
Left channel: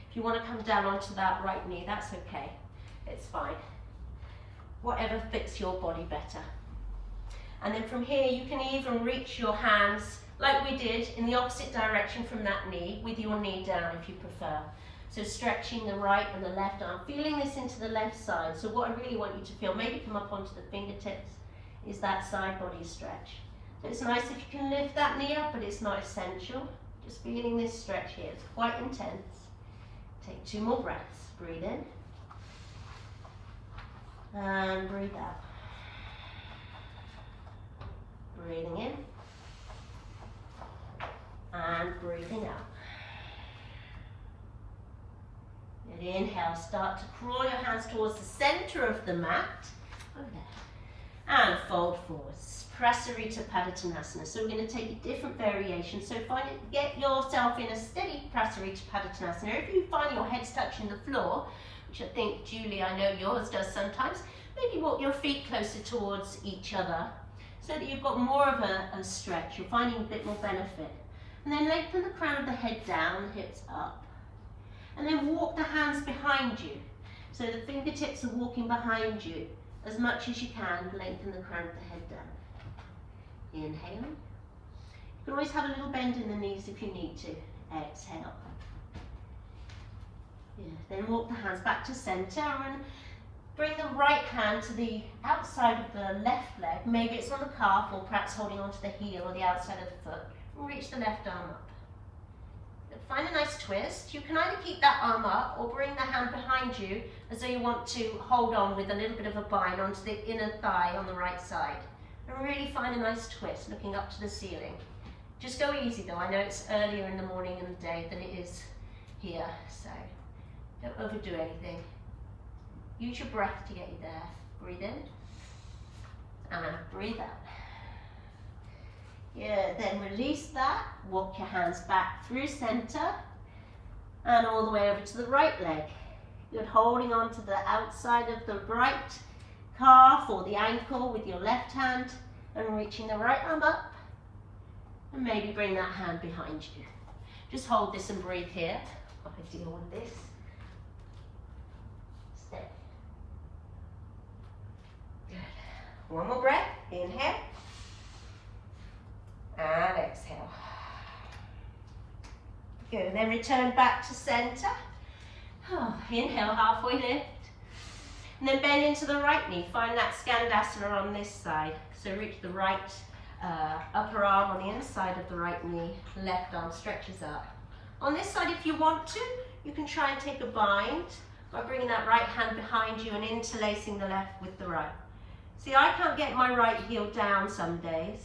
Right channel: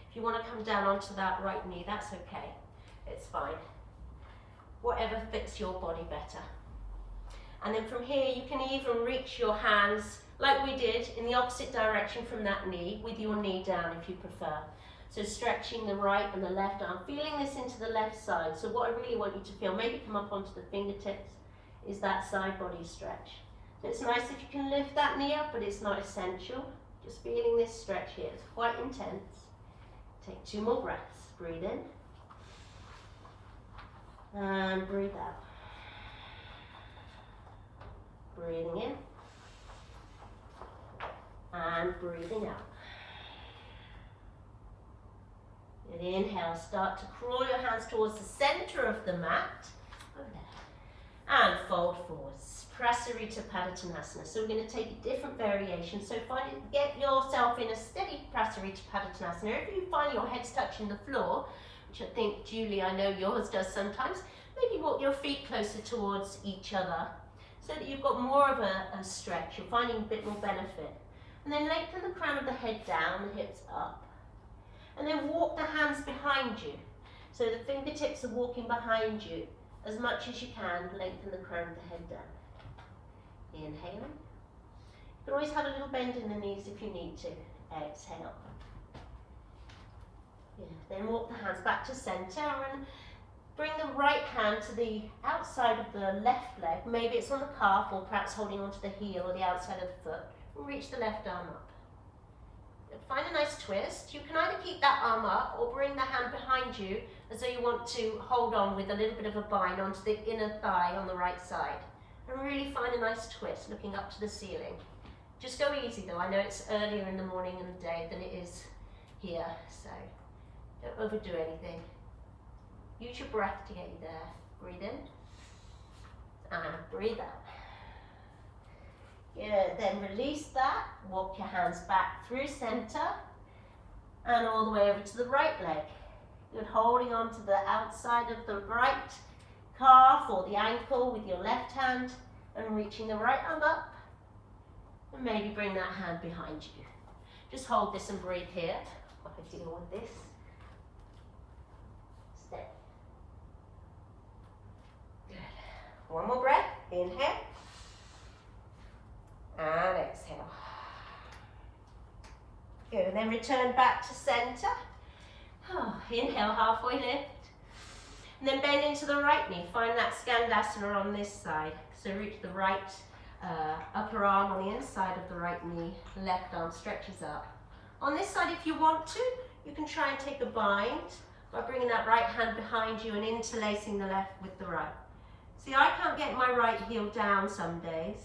If you want to come down onto that right knee, that's okay. It's fine. Whatever fits your body better. And then from here, you can even reach your hands, like we did, in the opposite direction from that knee, with your knee down if you prefer. So stretching the right and the left arm, feeling this into the left side. So what I really want you to feel, maybe come up onto the fingertips, is that side body stretch. So it's nice if you can lift that knee up, but it's not essential. Just feeling this stretch here. It's quite intense. Take 2 more breaths. Breathe in. And breathe out. Breathing in. And breathing out. And inhale, start to crawl your hands towards the center of the mat. Over there. And fold forwards. Prasarita Padottanasana. So we're going to take a different variation. So get yourself in a steady Prasarita Padottanasana. If you find your head's touching the floor, which I think, Julie, I know yours does sometimes, maybe walk your feet closer towards each other so that you've got more of a stretch. You're finding a bit more benefit. And then lengthen the crown of the head down, the hips up. And then walk the hands behind you. So the fingertips are walking behind you. As much as you can, lengthen the crown of the head down. Inhaling. You can always have a little bend in the knees if you need to. Exhale. Good. Then walk the hands back to center and bring the right hand to the outside of the left leg. Maybe it's on the calf or perhaps holding onto the heel or the outside of the foot. And reach the left arm up. Find a nice twist. You can either keep that arm up or bring the hand behind you as though you want to hold on with a little bit of a bind onto the inner thigh on the right side. And really find a nice twist, looking up to the ceiling. Just go easy though. I know it's earlier in the morning and the day than it is here, so don't overdo anything. Use your breath to get you there. Breathe in and breathe out. Yeah, then release that. Walk your hands back through center and all the way over to the right leg. You're holding on to the outside of the right calf or the ankle with your left hand and reaching the right arm up. And maybe bring that hand behind you. Just hold this and breathe here while I deal with this. Stay. Good. One more breath. Inhale. And exhale. Good, and then return back to center. Oh, inhale, halfway lift. And then bend into the right knee. Find that Skandasana on this side. So reach the right upper arm on the inside of the right knee. Left arm stretches up. On this side, if you want to, you can try and take a bind by bringing that right hand behind you and interlacing the left with the right. See, I can't get my right heel down some days.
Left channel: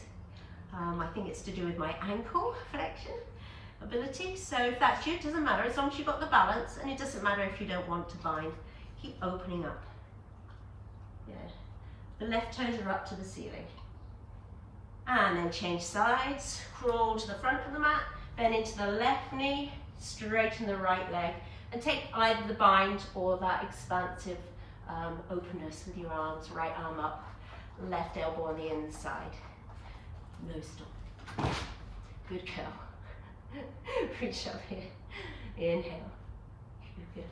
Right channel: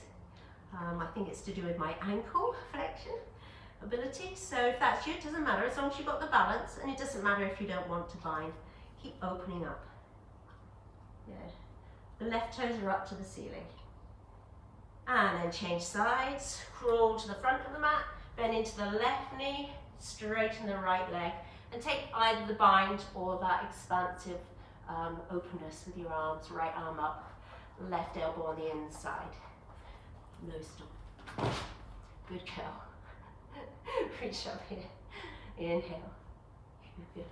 I think it's to do with my ankle flexion ability. So if that's you, it doesn't matter as long as you've got the balance, and it doesn't matter if you don't want to bind. Keep opening up. Good. The left toes are up to the ceiling. And then change sides. Crawl to the front of the mat. Bend into the left knee. Straighten the right leg. And take either the bind or that expansive openness with your arms. Right arm up. Left elbow on the inside. No stop. Good curl. Reach up here. Inhale. Good.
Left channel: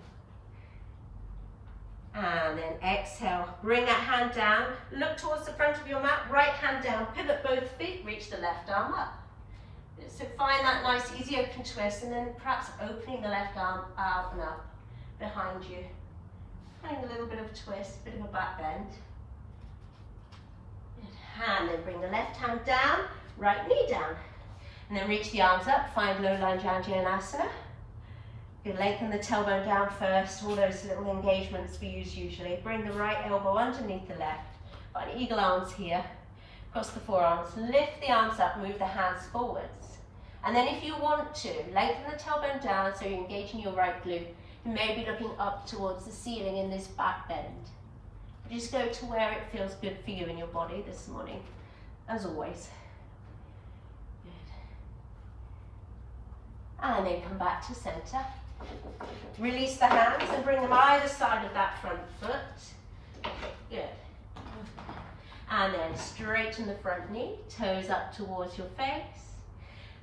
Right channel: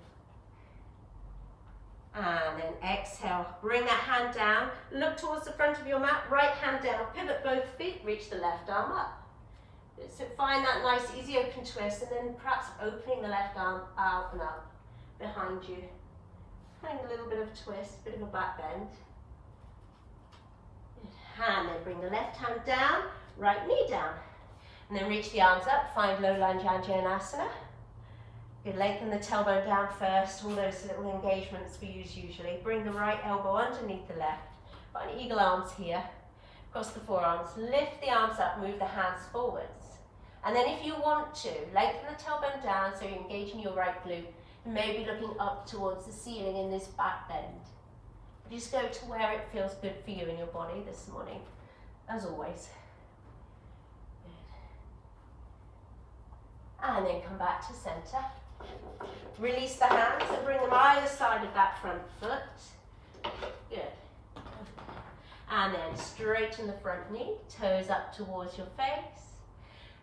And then exhale. Bring that hand down. Look towards the front of your mat. Right hand down. Pivot both feet. Reach the left arm up. So find that nice easy open twist and then perhaps opening the left arm out and up behind you. Having a little bit of a twist, bit of a back bend. And then bring the left hand down, right knee down. And then reach the arms up, find low lunge Anjaneyasana. You lengthen the tailbone down first, all those little engagements we use usually. Bring the right elbow underneath the left. Find eagle arms here, cross the forearms, lift the arms up, move the hands forwards. And then if you want to, lengthen the tailbone down so you're engaging your right glute. You may be looking up towards the ceiling in this back bend. Just go to where it feels good for you in your body this morning, as always. Good. And then come back to center. Release the hands and bring them either side of that front foot. Good. And then straighten the front knee, toes up towards your face.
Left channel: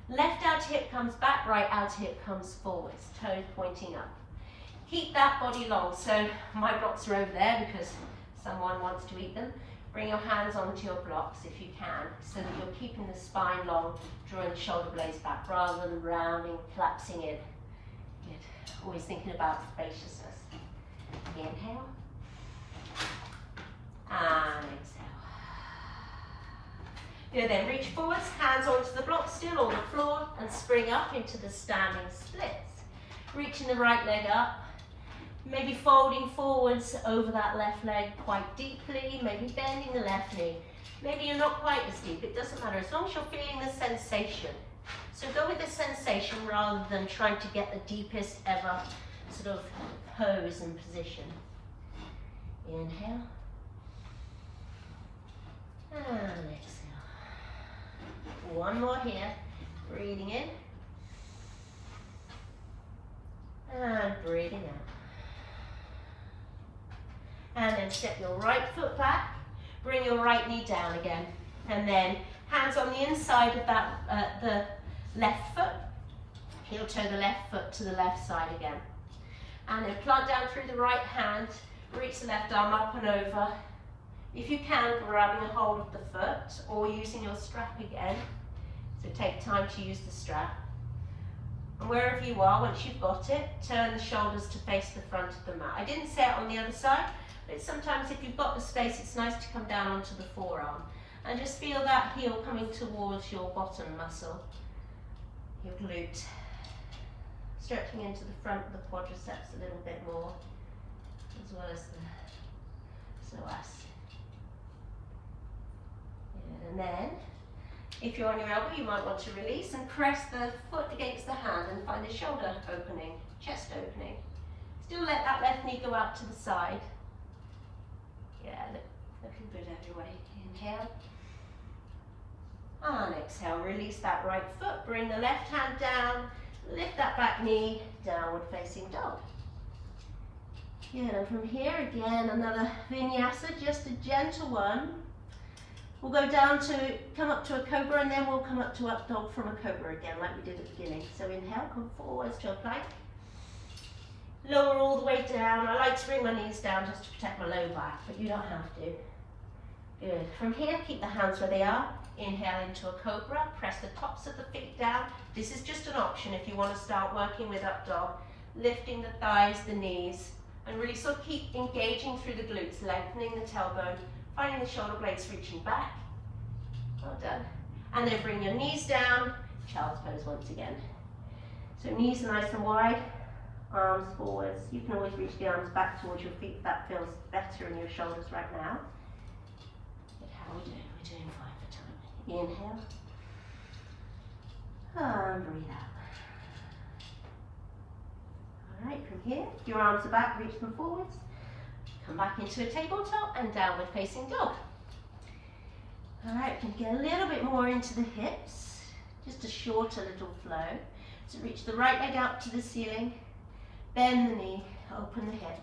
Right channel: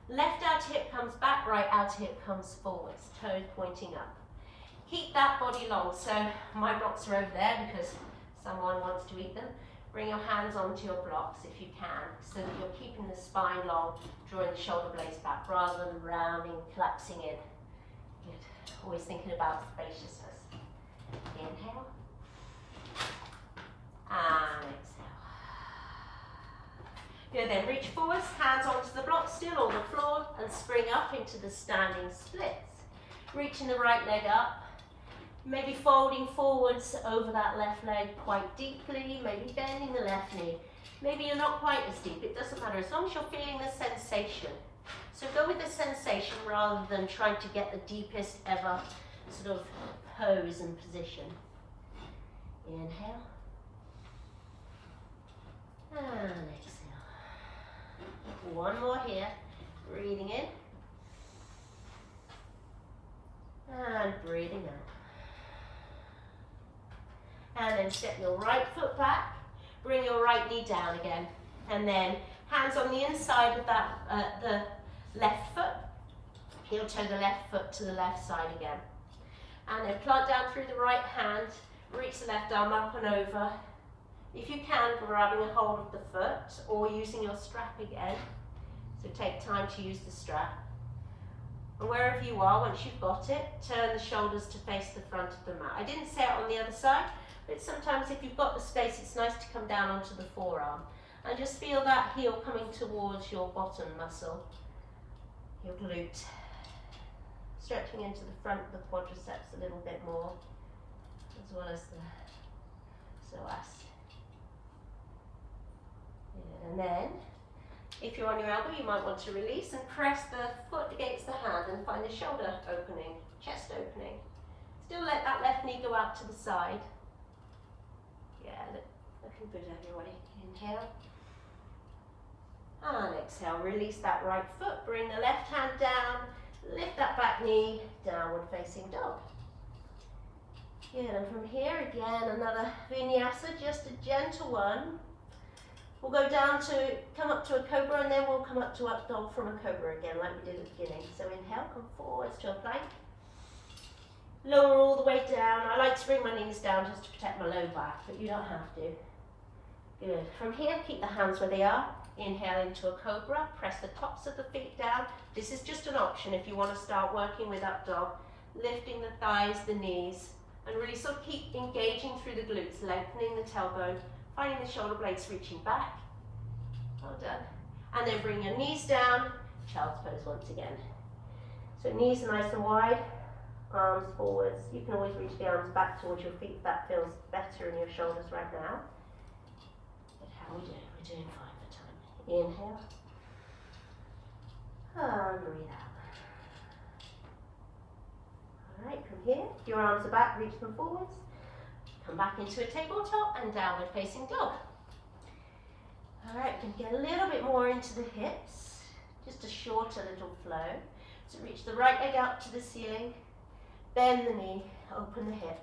Left outer hip comes back, right outer hip comes forwards, toes pointing up. Keep that body long. So my blocks are over there because someone wants to eat them. Bring your hands onto your blocks if you can, so that you're keeping the spine long, drawing the shoulder blades back rather than rounding, collapsing in. Good. Always thinking about spaciousness. Inhale. And exhale. Good, then reach forwards, hands onto the block still or the floor, and spring up into the standing splits. Reaching the right leg up. Maybe folding forwards over that left leg quite deeply, maybe bending the left knee. Maybe you're not quite as deep, it doesn't matter, as long as you're feeling the sensation. So go with the sensation rather than trying to get the deepest ever sort of pose and position. Inhale. And exhale. One more here, breathing in. And breathing out. And then step your right foot back, bring your right knee down again. And then hands on the inside of that, the left foot. Heel toe the left foot to the left side again. And then plant down through the right hand, reach the left arm up and over. If you can, grabbing a hold of the foot or using your strap again. So take time to use the strap. And wherever you are, once you've got it, turn the shoulders to face the front of the mat. I didn't say it on the other side, but sometimes if you've got the space, it's nice to come down onto the forearm. And just feel that heel coming towards your bottom muscle, your glute. Stretching into the front of the quadriceps a little bit more, as well as the psoas. And then, if you're on your elbow, you might want to release and press the foot against the hand and find a shoulder opening, chest opening. Still let that left knee go out to the side. Yeah, looking good everybody. Inhale. And exhale, release that right foot, bring the left hand down, lift that back knee, downward facing dog. Good, and from here again, another vinyasa, just a gentle one. We'll go down to, come up to a cobra, and then we'll come up to up dog from a cobra again, like we did at the beginning. So inhale, come forwards to a plank. Lower all the way down. I like to bring my knees down just to protect my low back, but you don't have to. Good. From here, keep the hands where they are. Inhale into a cobra, press the tops of the feet down. This is just an option if you want to start working with up dog. Lifting the thighs, the knees, and really sort of keep engaging through the glutes, lengthening the tailbone, finding the shoulder blades reaching back. Well done. And then bring your knees down, child's pose once again. So knees are nice and wide, arms forwards. You can always reach the arms back towards your feet if that feels better in your shoulders right now. But how are we doing? We're doing fine for time. Inhale. And breathe out. Alright, from here, your arms are back, reach them forwards. Come back into a tabletop and downward facing dog. Alright, we can get a little bit more into the hips. Just a shorter little flow. So reach the right leg up to the ceiling. Bend the knee, open the hip.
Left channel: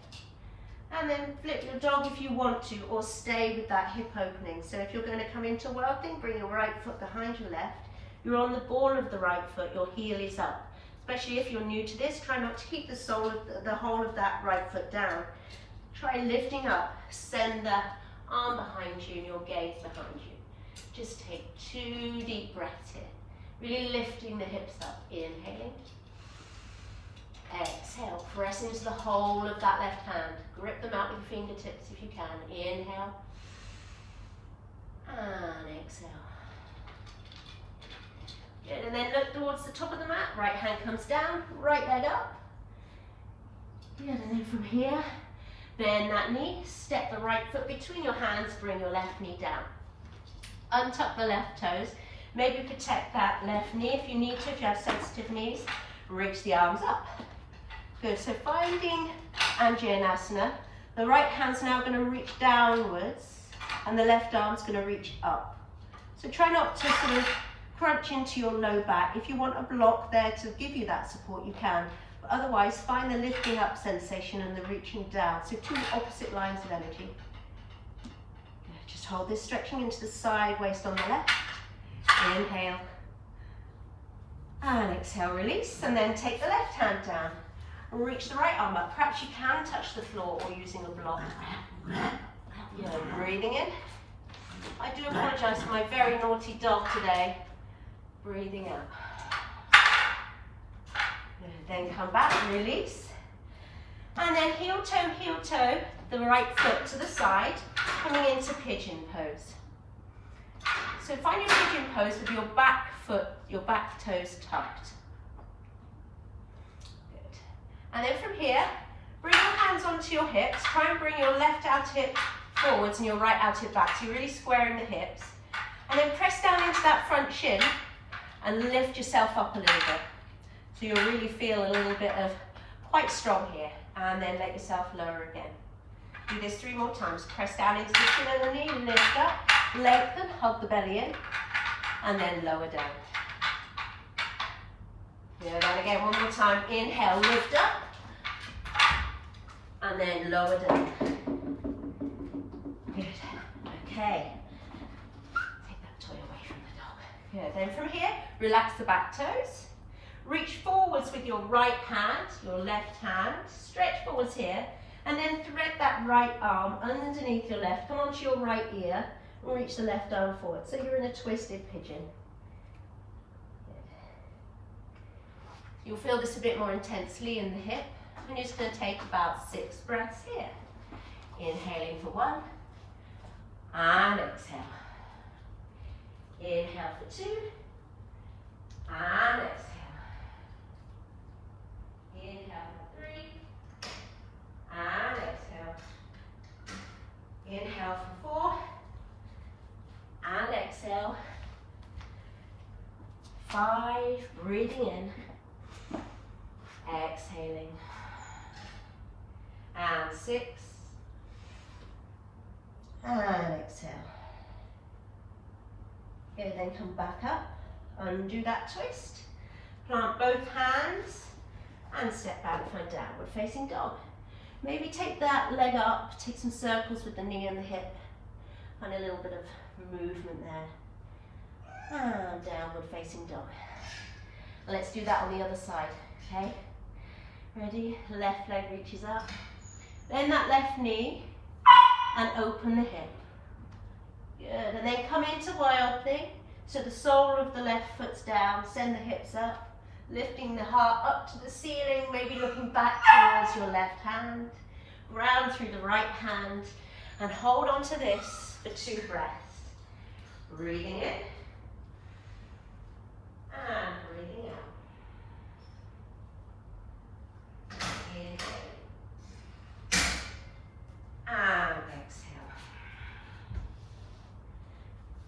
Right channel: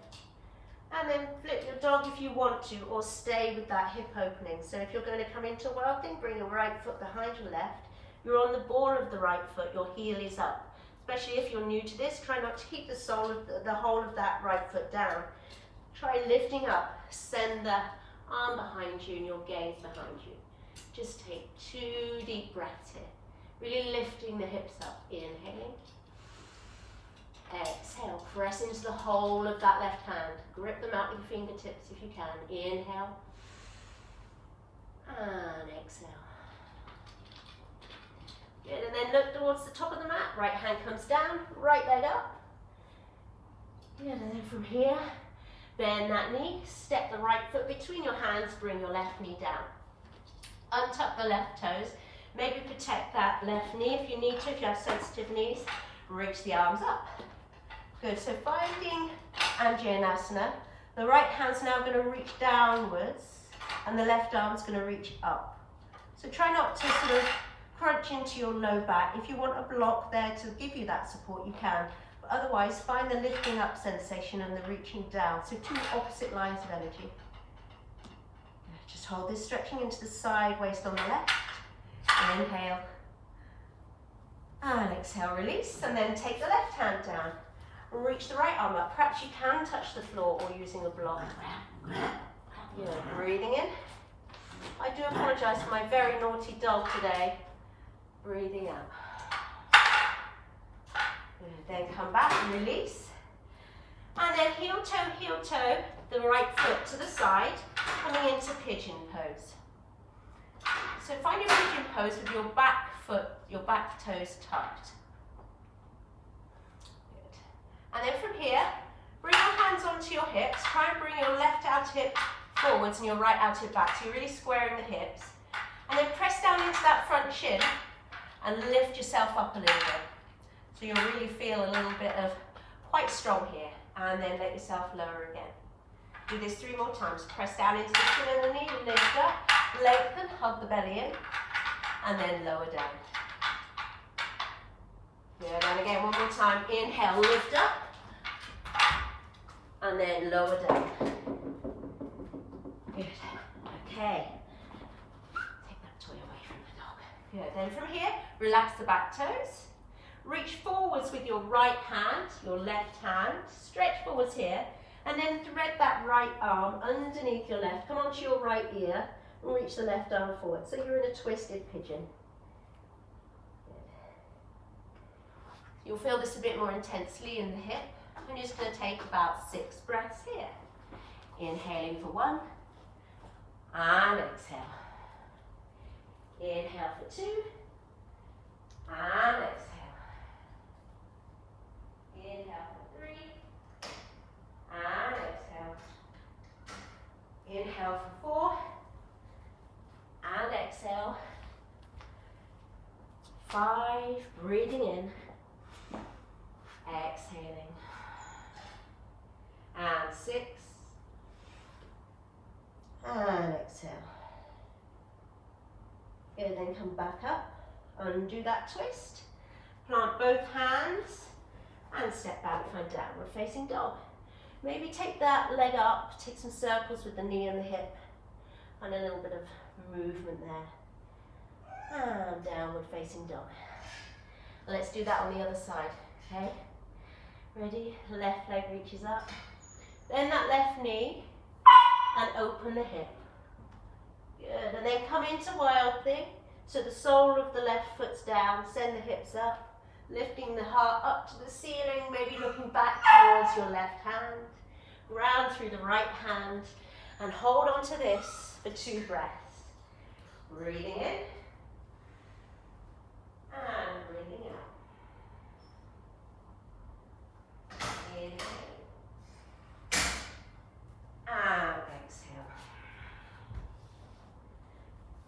And then flip your dog if you want to, or stay with that hip opening. So if you're going to come into whelping, bring your right foot behind your left. You're on the ball of the right foot, your heel is up. Especially if you're new to this, try not to keep the sole of the whole of that right foot down. Try lifting up, send the arm behind you and your gaze behind you. Just take 2 deep breaths here. Really lifting the hips up, inhaling. Exhale, press into the whole of that left hand. Grip them out with your fingertips if you can. Inhale. And exhale. Good, and then look towards the top of the mat. Right hand comes down, right leg up. Good, and then from here, bend that knee, step the right foot between your hands, bring your left knee down. Untuck the left toes. Maybe protect that left knee if you need to, if you have sensitive knees. Reach the arms up. Good, so finding Anjaneyasana. The right hand's now going to reach downwards and the left arm's going to reach up. So try not to sort of crunch into your low back. If you want a block there to give you that support, you can. But otherwise, find the lifting up sensation and the reaching down. So 2 opposite lines of energy. Just hold this, stretching into the side waist on the left. Inhale. And exhale, release. And then take the left hand down. Reach the right arm up. Perhaps you can touch the floor or using a block. Breathing in. I do apologise for my very naughty dog today. Breathing out. Good. Then come back, release. And then heel toe, the right foot to the side, coming into pigeon pose. So find your pigeon pose with your back foot, your back toes tucked. Good. And then from here, bring your hands onto your hips. Try and bring your left outer hip forwards and your right outer hip back. So you're really squaring the hips. And then press down into that front shin and lift yourself up a little bit. So you'll really feel a little bit of quite strong here. And then let yourself lower again. Do this 3 more times. Press down into the shin of the knee, lift up, lengthen, hug the belly in, and then lower down. Good, and again, 1 more time. Inhale, lift up, and then lower down. Good, okay. Take that toy away from the dog. Good, then from here, relax the back toes. Reach forwards with your right hand, your left hand. Stretch forwards here. And then thread that right arm underneath your left. Come onto your right ear and reach the left arm forward. So you're in a twisted pigeon. Good. You'll feel this a bit more intensely in the hip. I'm just going to take about 6 breaths here. Inhaling for 1, and exhale. Inhale for 2, and exhale. Inhale for 3, and exhale. Inhale for 4, and exhale. 5, breathing in, exhaling. And 6, and exhale. Good, then come back up, undo that twist, plant both hands, and step back, find downward facing dog. Maybe take that leg up, take some circles with the knee and the hip, find a little bit of movement there. And downward facing dog. Let's do that on the other side, okay? Ready? Left leg reaches up. Bend that left knee and open the hip. Good, and then come into wild thing. So the sole of the left foot's down, send the hips up, lifting the heart up to the ceiling, maybe looking back towards your left hand, round through the right hand, and hold on to this for 2 breaths. Breathing in, and breathing out. Inhale, and exhale.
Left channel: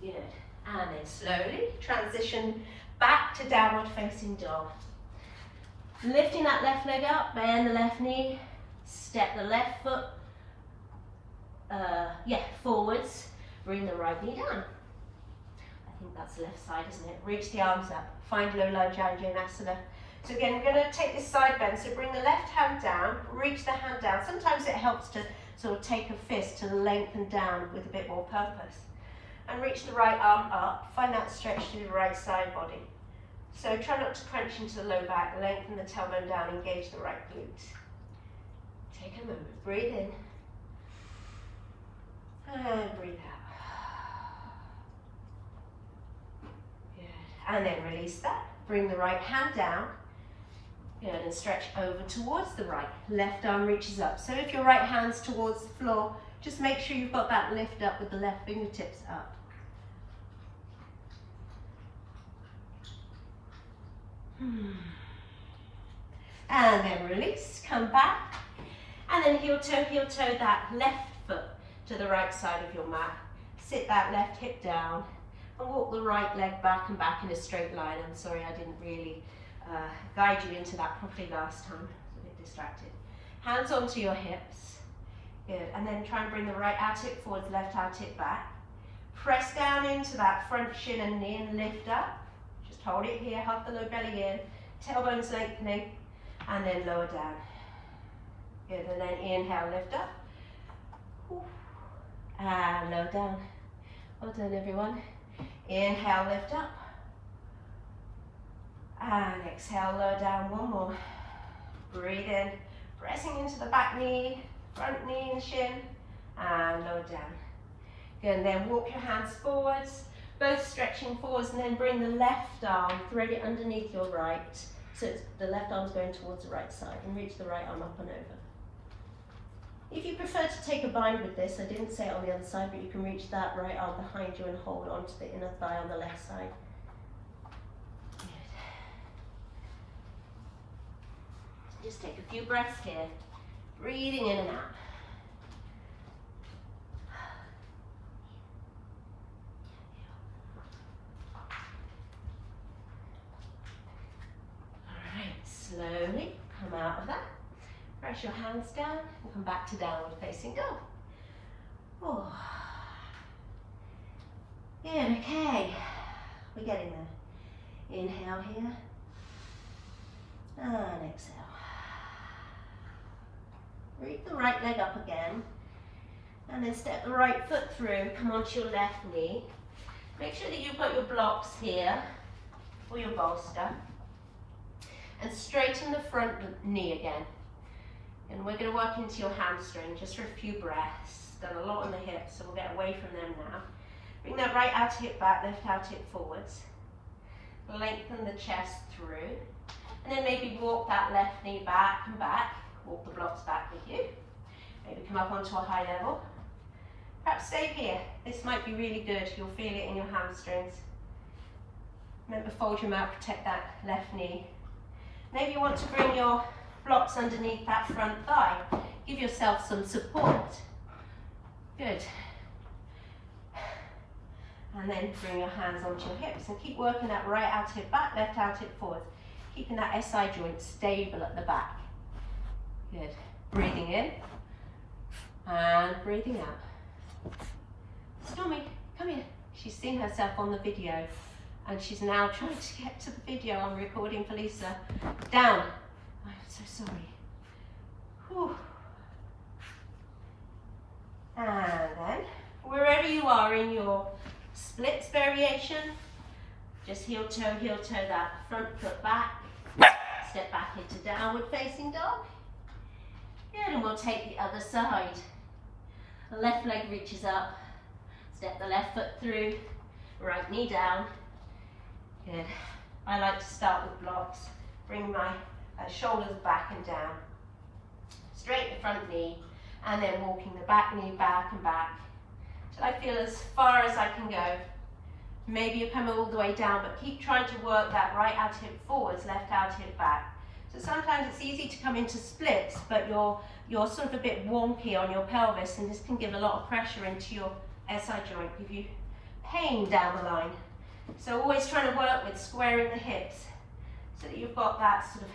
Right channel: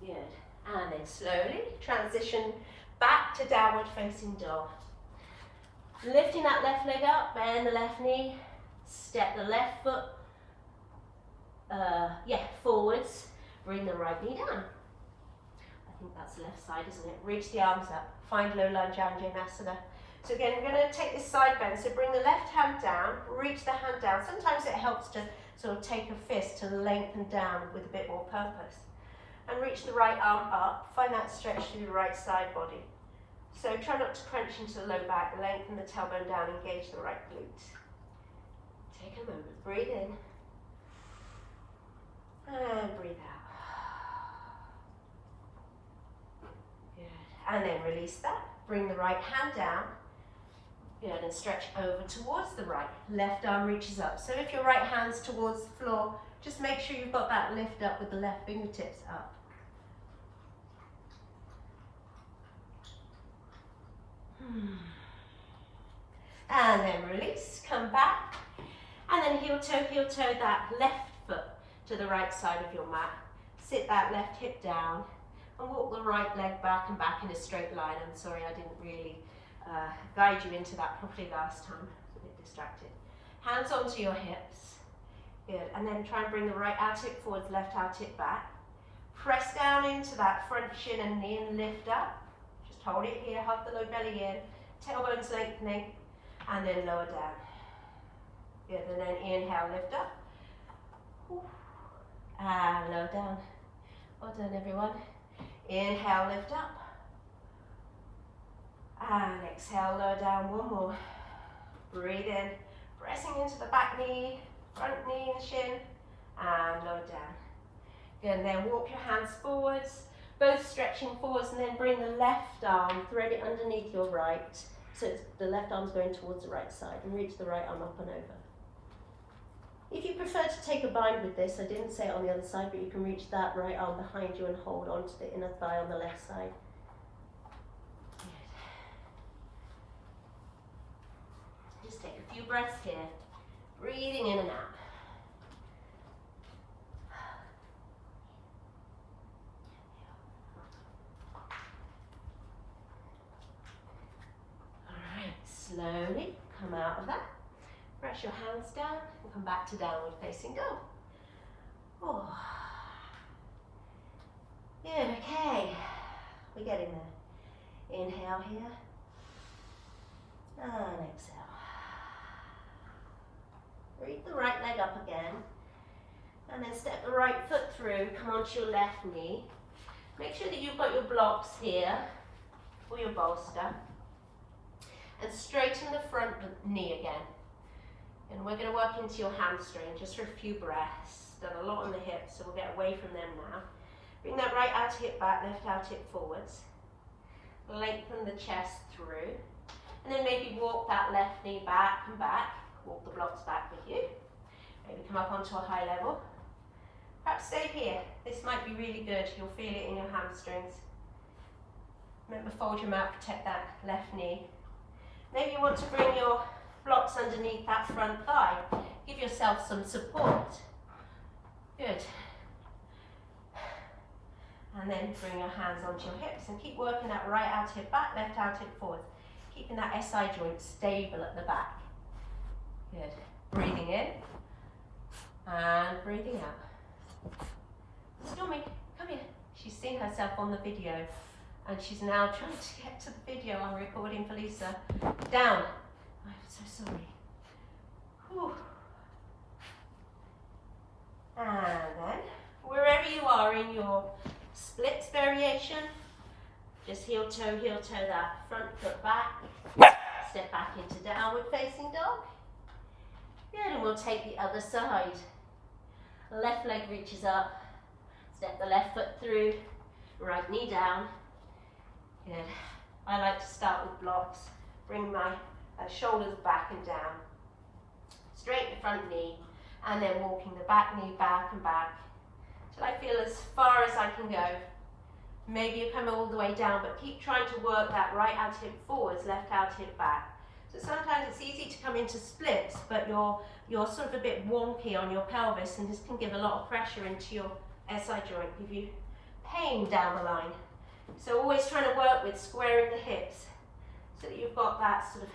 Good. And then slowly transition back to downward facing dog. Lifting that left leg up, bend the left knee, step the left foot forwards, bring the right knee down. I think that's the left side, isn't it? Reach the arms up, find low lunge Anjaneyasana. So again, we're going to take this side bend, so bring the left hand down, reach the hand down. Sometimes it helps to sort of take a fist to lengthen down with a bit more purpose. And reach the right arm up, find that stretch through the right side body. So try not to crunch into the low back, lengthen the tailbone down, engage the right glute. Take a moment, breathe in, and breathe out. Good, and then release that, bring the right hand down, good, and stretch over towards the right. Left arm reaches up, so if your right hand's towards the floor, just make sure you've got that lift up with the left fingertips up. And then release, come back, and then heel toe that left foot to the right side of your mat. Sit that left hip down and walk the right leg back and back in a straight line. I'm sorry I didn't really guide you into that properly last time, I was a bit distracted. Hands onto your hips, good, and then try and bring the right out hip forwards, left out hip back. Press down into that front shin and knee and lift up. Just hold it here, hug the low belly in, tailbones lengthening, and then lower down. Good, and then inhale, lift up. And lower down. Well done, everyone. Inhale, lift up. And exhale, lower down, one more. Breathe in, pressing into the back knee, front knee and shin, and lower down. Good, and then walk your hands forwards, both stretching forwards, and then bring the left arm, thread it underneath your right, so it's, the left arm's going towards the right side, and reach the right arm up and over. If you prefer to take a bind with this, I didn't say it on the other side, but you can reach that right arm behind you and hold onto the inner thigh on the left side. Good. Just take a few breaths here, breathing in and out. Slowly come out of that, press your hands down and come back to downward facing dog. Oh. Good, okay, we're getting there. Inhale here, and exhale. Reach the right leg up again, and then step the right foot through, come onto your left knee. Make sure that you've got your blocks here, or your bolster. And straighten the front knee again. And we're going to work into your hamstring just for a few breaths. Done a lot on the hips, so we'll get away from them now. Bring that right outer hip back, left outer hip forwards. Lengthen the chest through. And then maybe walk that left knee back and back. Walk the blocks back with you. Maybe come up onto a high level. Perhaps stay here. This might be really good. You'll feel it in your hamstrings. Remember, fold your mouth, protect that left knee. Maybe you want to bring your blocks underneath that front thigh. Give yourself some support. Good. And then bring your hands onto your hips and keep working that right out hip back, left out hip forward. Keeping that SI joint stable at the back. Good. Breathing in and breathing out. Stormy, come here. She's seen herself on the video and she's now trying to get to the video I'm recording for Lisa. Down. I'm so sorry. Whew. And then, wherever you are in your splits variation, just heel toe that front foot back. Step back into downward facing dog. Good, and we'll take the other side. Left leg reaches up. Step the left foot through. Right knee down. Good. I like to start with blocks. Bring my shoulders back and down. Straight the front knee. And then walking the back knee back and back. Till I feel as far as I can go. Maybe you come all the way down, but keep trying to work that right out hip forwards, left out hip back. So sometimes it's easy to come into splits, but you're sort of a bit wonky on your pelvis, and this can give a lot of pressure into your SI joint, give you pain down the line. So always trying to work with squaring the hips so that you've got that sort of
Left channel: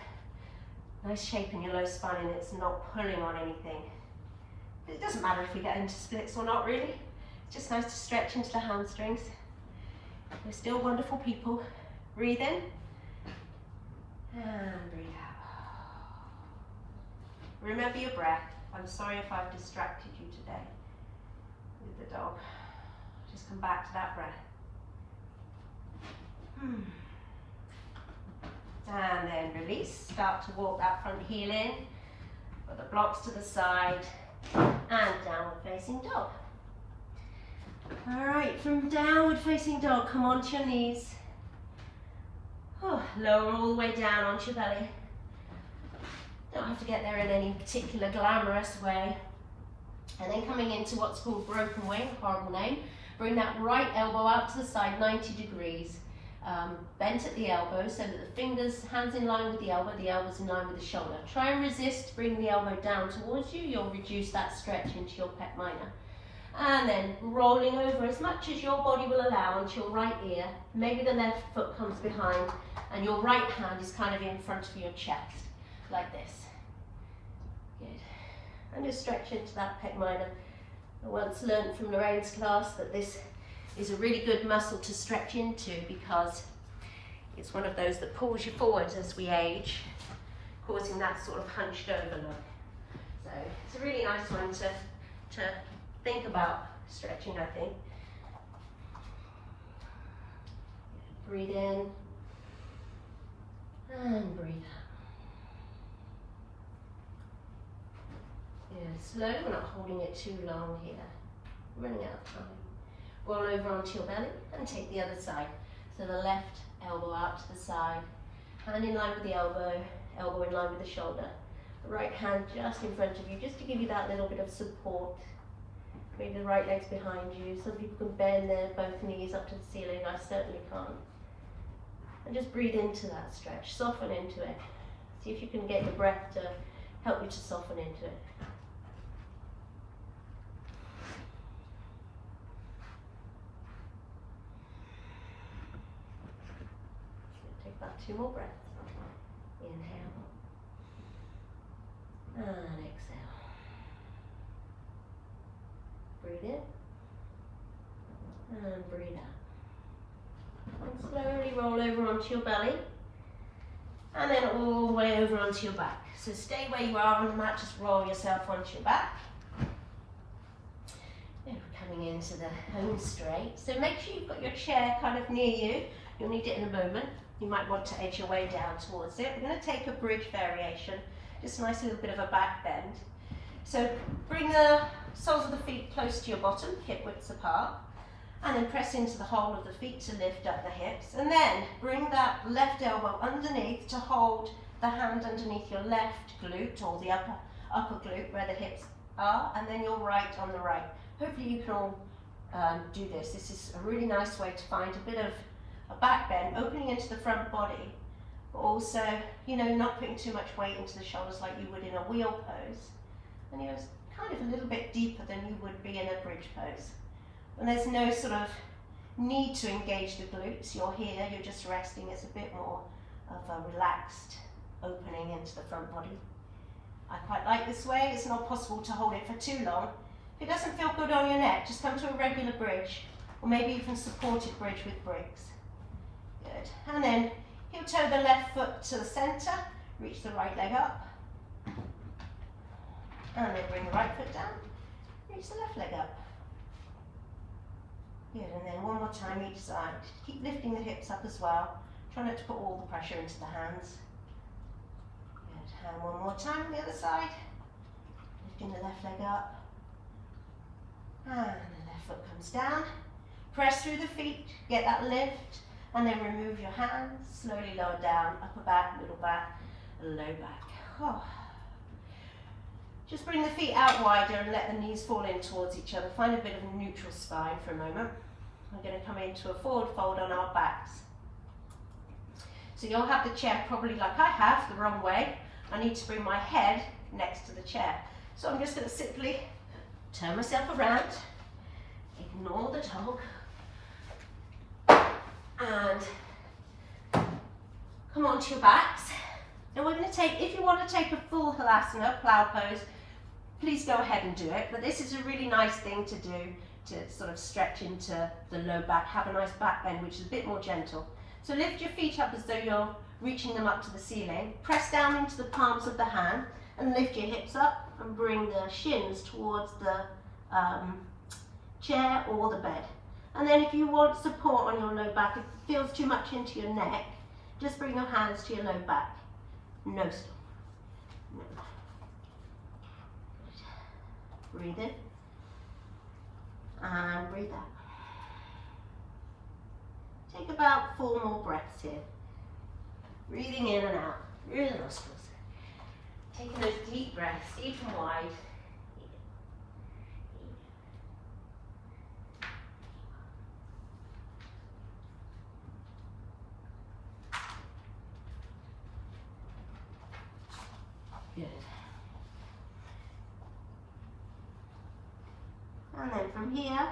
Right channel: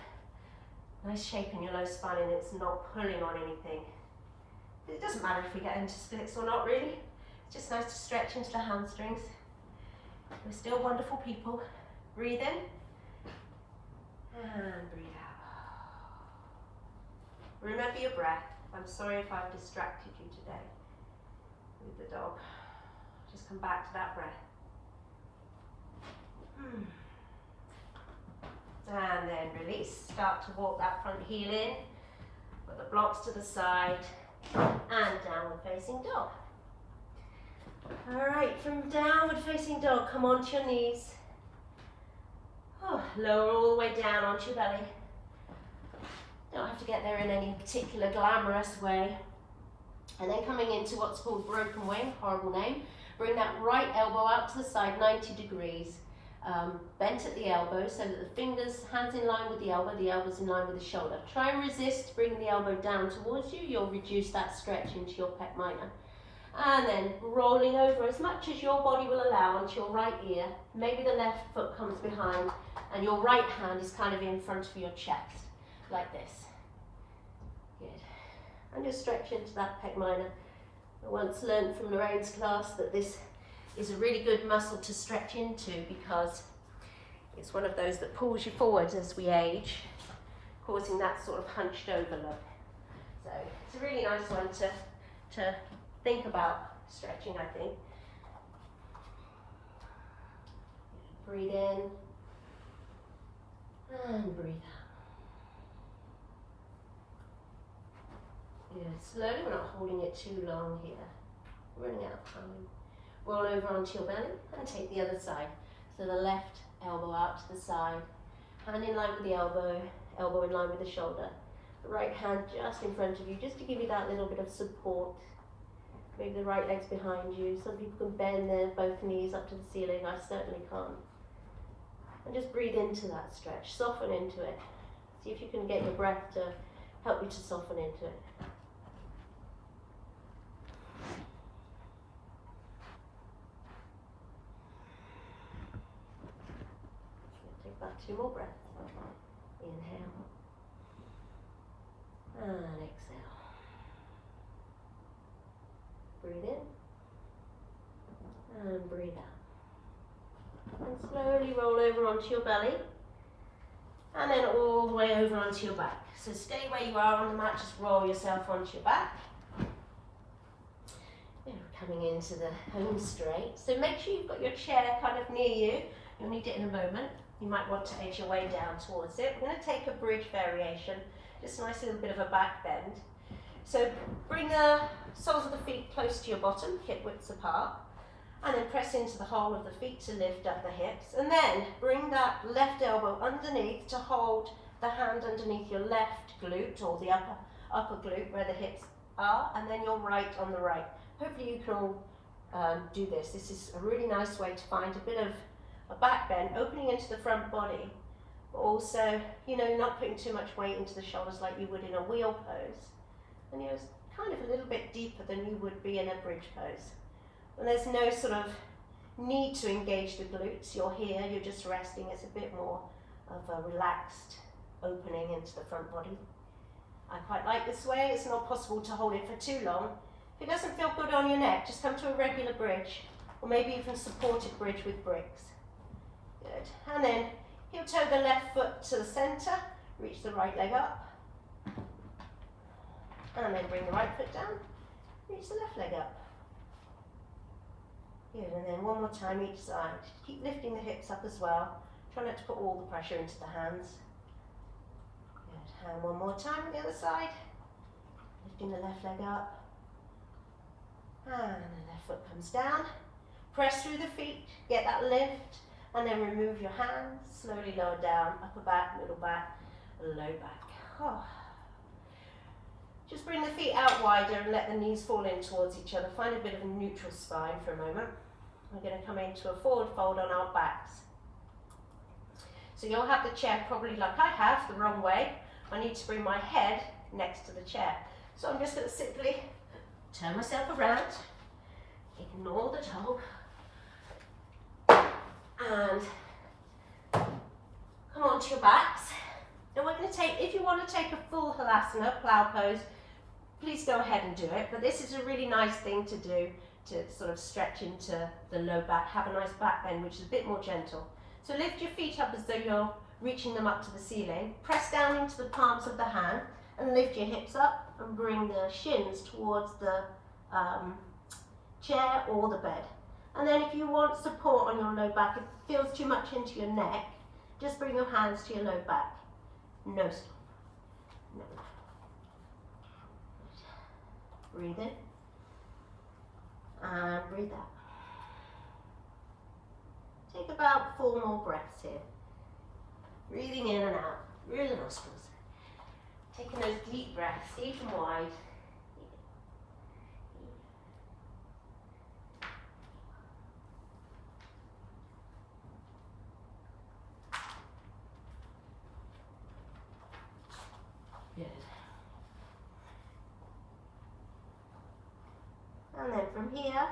nice shape in your low spine and it's not pulling on anything. It doesn't matter if we get into splits or not, really. It's just nice to stretch into the hamstrings. We're still wonderful people. Breathe in and breathe out. Remember your breath. I'm sorry if I've distracted you today with the dog. Just come back to that breath. And then release. Start to walk that front heel in. Put the blocks to the side and downward facing dog. Alright, from downward facing dog, come onto your knees. Lower all the way down onto your belly. Don't have to get there in any particular glamorous way. And then coming into what's called broken wing, horrible name. Bring that right elbow out to the side, 90 degrees. Bent at the elbow so that the fingers, hands in line with the elbows in line with the shoulder. Try and resist, bring the elbow down towards you. You'll reduce that stretch into your pec minor. And then rolling over as much as your body will allow onto your right ear. Maybe the left foot comes behind and your right hand is kind of in front of your chest, like this. Good. And just stretch into that pec minor. I once learned from Lorraine's class that this is a really good muscle to stretch into because it's one of those that pulls you forward as we age, causing that sort of hunched over look. So it's a really nice one to think about stretching, I think. Breathe in and breathe out. Yeah, slow, we're not holding it too long here. We're running out of time. Roll over onto your belly and take the other side. So the left elbow out to the side, hand in line with the elbow, elbow in line with the shoulder. The right hand just in front of you, just to give you that little bit of support. Maybe the right leg's behind you. Some people can bend their both knees up to the ceiling. I certainly can't. And just breathe into that stretch. Soften into it. See if you can get your breath to help you to soften into it. Take back 2 more breaths. Inhale. And exhale. Breathe in and breathe out. And slowly roll over onto your belly and then all the way over onto your back. So stay where you are on the mat, just roll yourself onto your back. And we're coming into the home straight. So make sure you've got your chair kind of near you. You'll need it in a moment. You might want to edge your way down towards it. We're going to take a bridge variation, just a nice little bit of a back bend. So bring the soles of the feet close to your bottom, hip widths apart, and then press into the whole of the feet to lift up the hips, and then bring that left elbow underneath to hold the hand underneath your left glute or the upper glute where the hips are, and then your right on the right. Hopefully you can all do this. This is a really nice way to find a bit of a back bend, opening into the front body, but also, you know, not putting too much weight into the shoulders like you would in a wheel pose. And you're kind of a little bit deeper than you would be in a bridge pose. And there's no sort of need to engage the glutes. You're here, you're just resting. It's a bit more of a relaxed opening into the front body. I quite like this way. It's not possible to hold it for too long. If it doesn't feel good on your neck, just come to a regular bridge, or maybe even supported bridge with bricks. Good. And then heel toe the left foot to the center, reach the right leg up, and then bring the right foot down, reach the left leg up. Good, and then one more time each side. Keep lifting the hips up as well. Try not to put all the pressure into the hands. Good, and one more time on the other side. Lifting the left leg up. And the left foot comes down. Press through the feet, get that lift, and then remove your hands. Slowly lower down, upper back, middle back, low back. Oh. Just bring the feet out wider and let the knees fall in towards each other. Find a bit of a neutral spine for a moment. We're going to come into a forward fold on our backs. So you'll have the chair probably like I have, the wrong way. I need to bring my head next to the chair. So I'm just going to simply turn myself around, ignore the dog, and come onto your backs. And we're going to take, if you want to take a full halasana, plow pose, please go ahead and do it. But this is a really nice thing to do to sort of stretch into the low back, have a nice back bend, which is a bit more gentle. So lift your feet up as though you're reaching them up to the ceiling. Press down into the palms of the hand and lift your hips up and bring the shins towards the chair or the bed. And then if you want support on your low back, if it feels too much into your neck, just bring your hands to your low back. No stop. No. Breathe in and breathe out. Take about 4 more breaths here. Breathing in and out through the nostrils. Taking those deep breaths, deep and wide. Good. And then from here,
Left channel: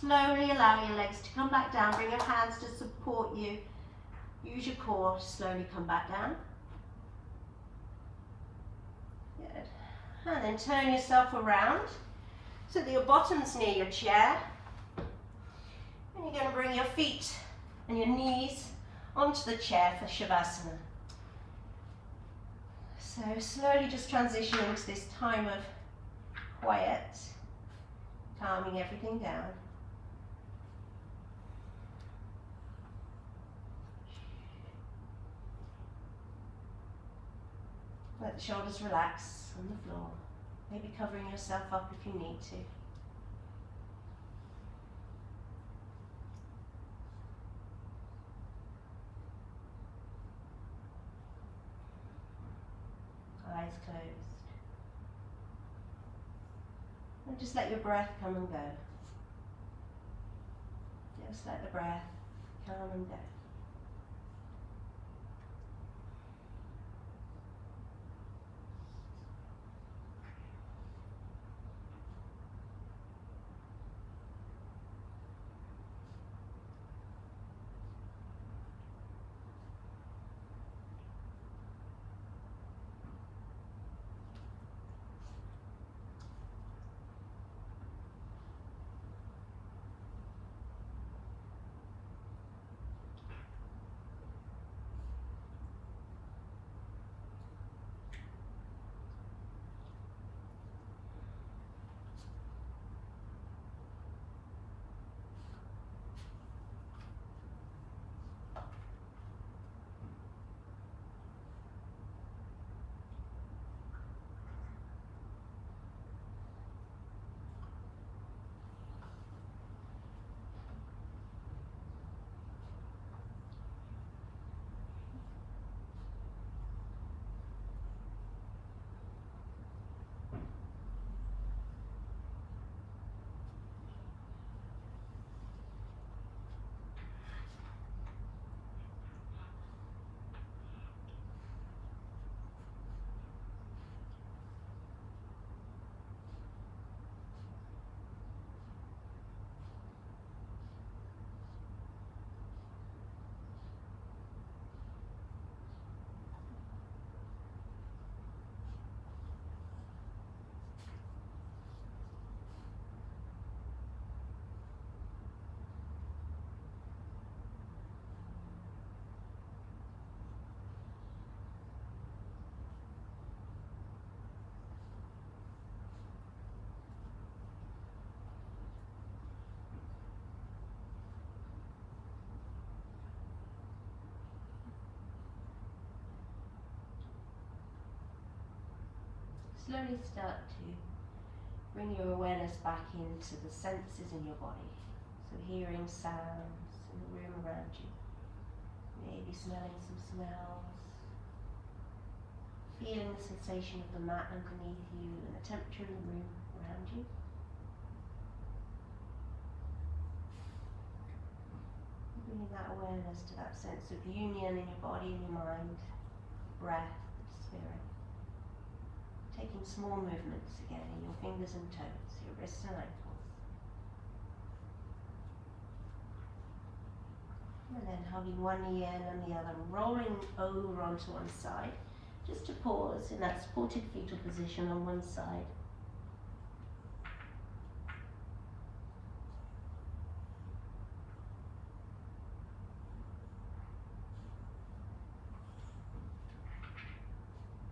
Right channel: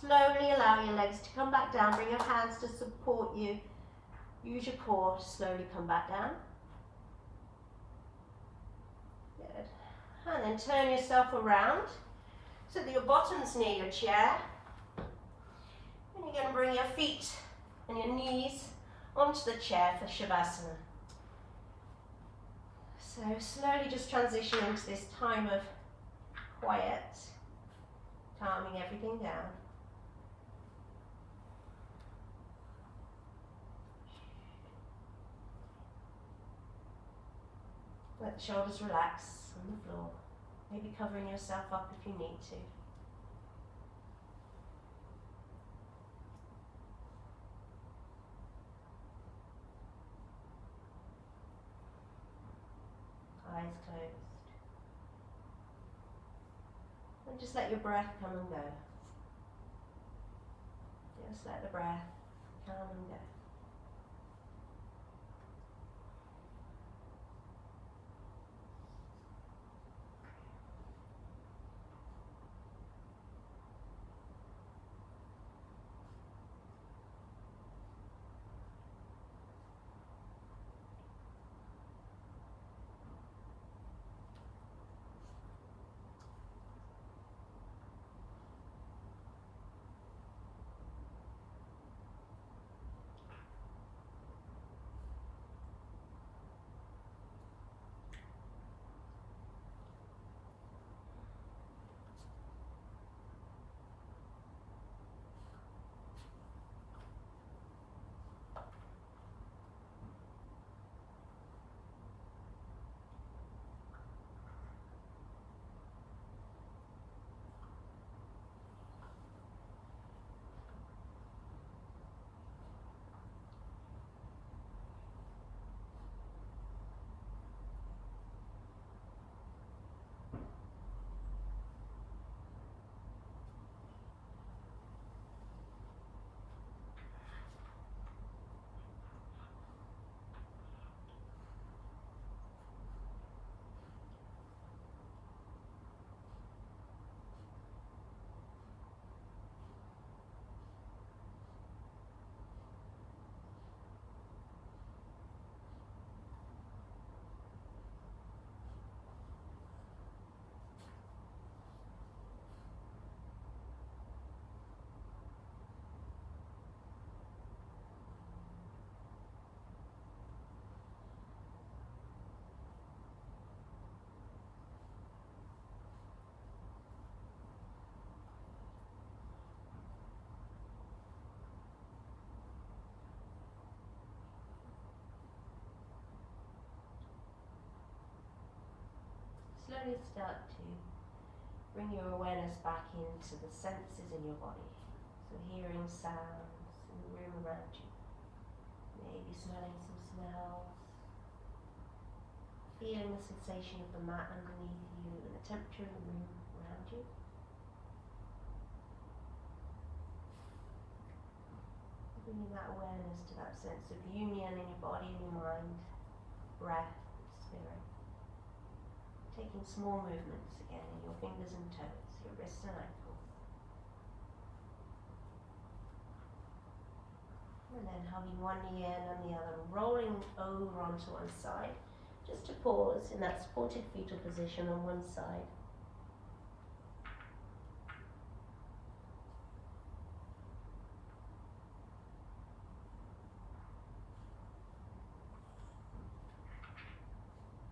slowly allow your legs to come back down. Bring your hands to support you. Use your core to slowly come back down. Good. And then turn yourself around so that your bottom's near your chair. And you're going to bring your feet and your knees onto the chair for Shavasana. So slowly just transition into this time of quiet, calming everything down. Let the shoulders relax on the floor, maybe covering yourself up if you need to. Eyes closed. And just let your breath come and go. Just let the breath come and go. slowly start to bring your awareness back into the senses in your body. So hearing sounds in the room around you, maybe smelling some smells, feeling the sensation of the mat underneath you and the temperature in the room around you. Bringing that awareness to that sense of union in your body and your mind, breath, spirit. Taking small movements again in your fingers and toes, your wrists and ankles. And then hugging one knee in and the other, rolling over onto one side. Just to pause in that supported fetal position on one side.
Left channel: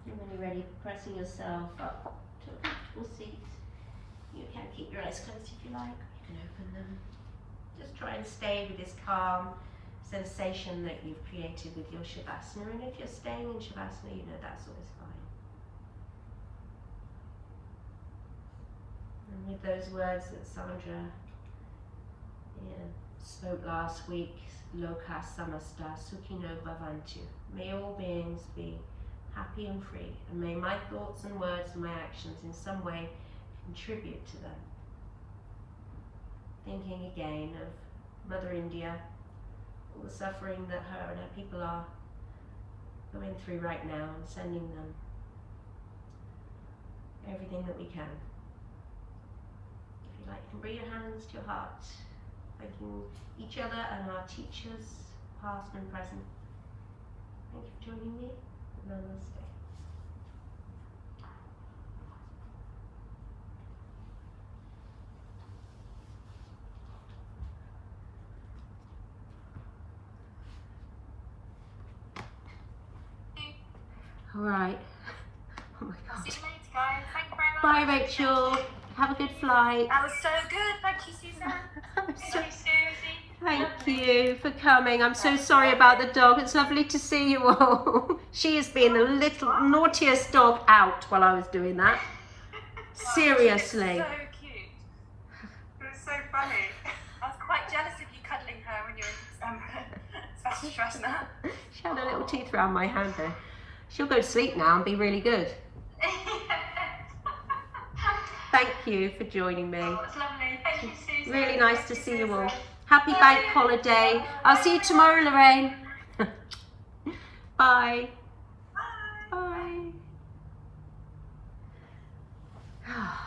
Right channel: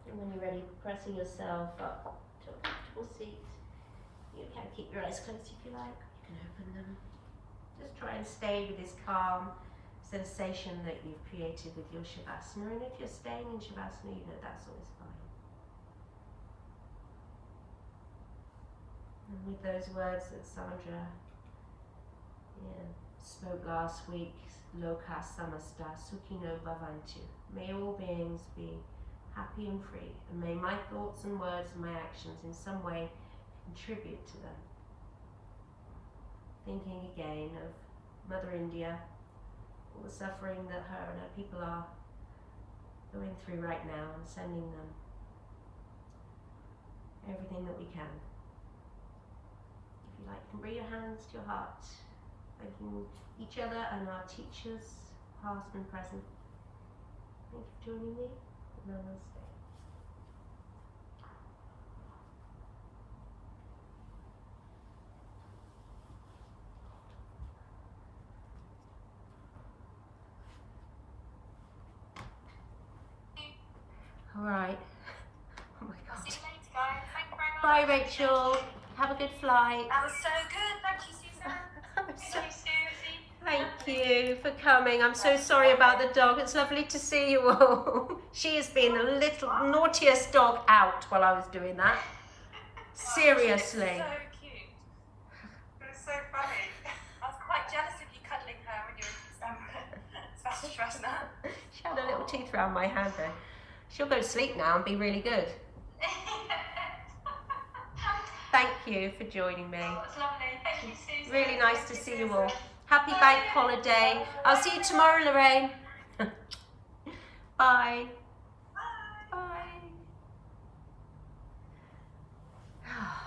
And when you're ready, pressing yourself up to a comfortable seat. You can keep your eyes closed if you like, you can open them. Just try and stay with this calm sensation that you've created with your Shavasana, and if you're staying in Shavasana, you know that's always fine. And with those words that Sandra spoke last week, Loka Samasta Sukhino Bhavantu, may all beings be happy and free, and may my thoughts and words and my actions in some way contribute to them. Thinking again of Mother India, all the suffering that her and her people are going through right now, and sending them everything that we can. If you like, you can bring your hands to your heart, thanking each other and our teachers, past and present. Thank you for joining me. Namaste. All right. Oh my God. See you later, guys. Thank you very much. Bye, Rachel. Have a good flight. That was so good. Thank you, Susan. Thank you for coming. I'm so sorry about the dog. It's lovely to see you all. She has been the little naughtiest dog out while I was doing that. Seriously. So cute. It was so funny. I was quite jealous of you cuddling her when you were in Shavasana. She had her little teeth around my hand though. She'll go to sleep now and be really good. Thank you for joining me. Oh, it's lovely. Thank you, Susan. Really nice to see you all. Happy bank holiday. I'll see you tomorrow, Lorraine. Bye. Bye. Bye.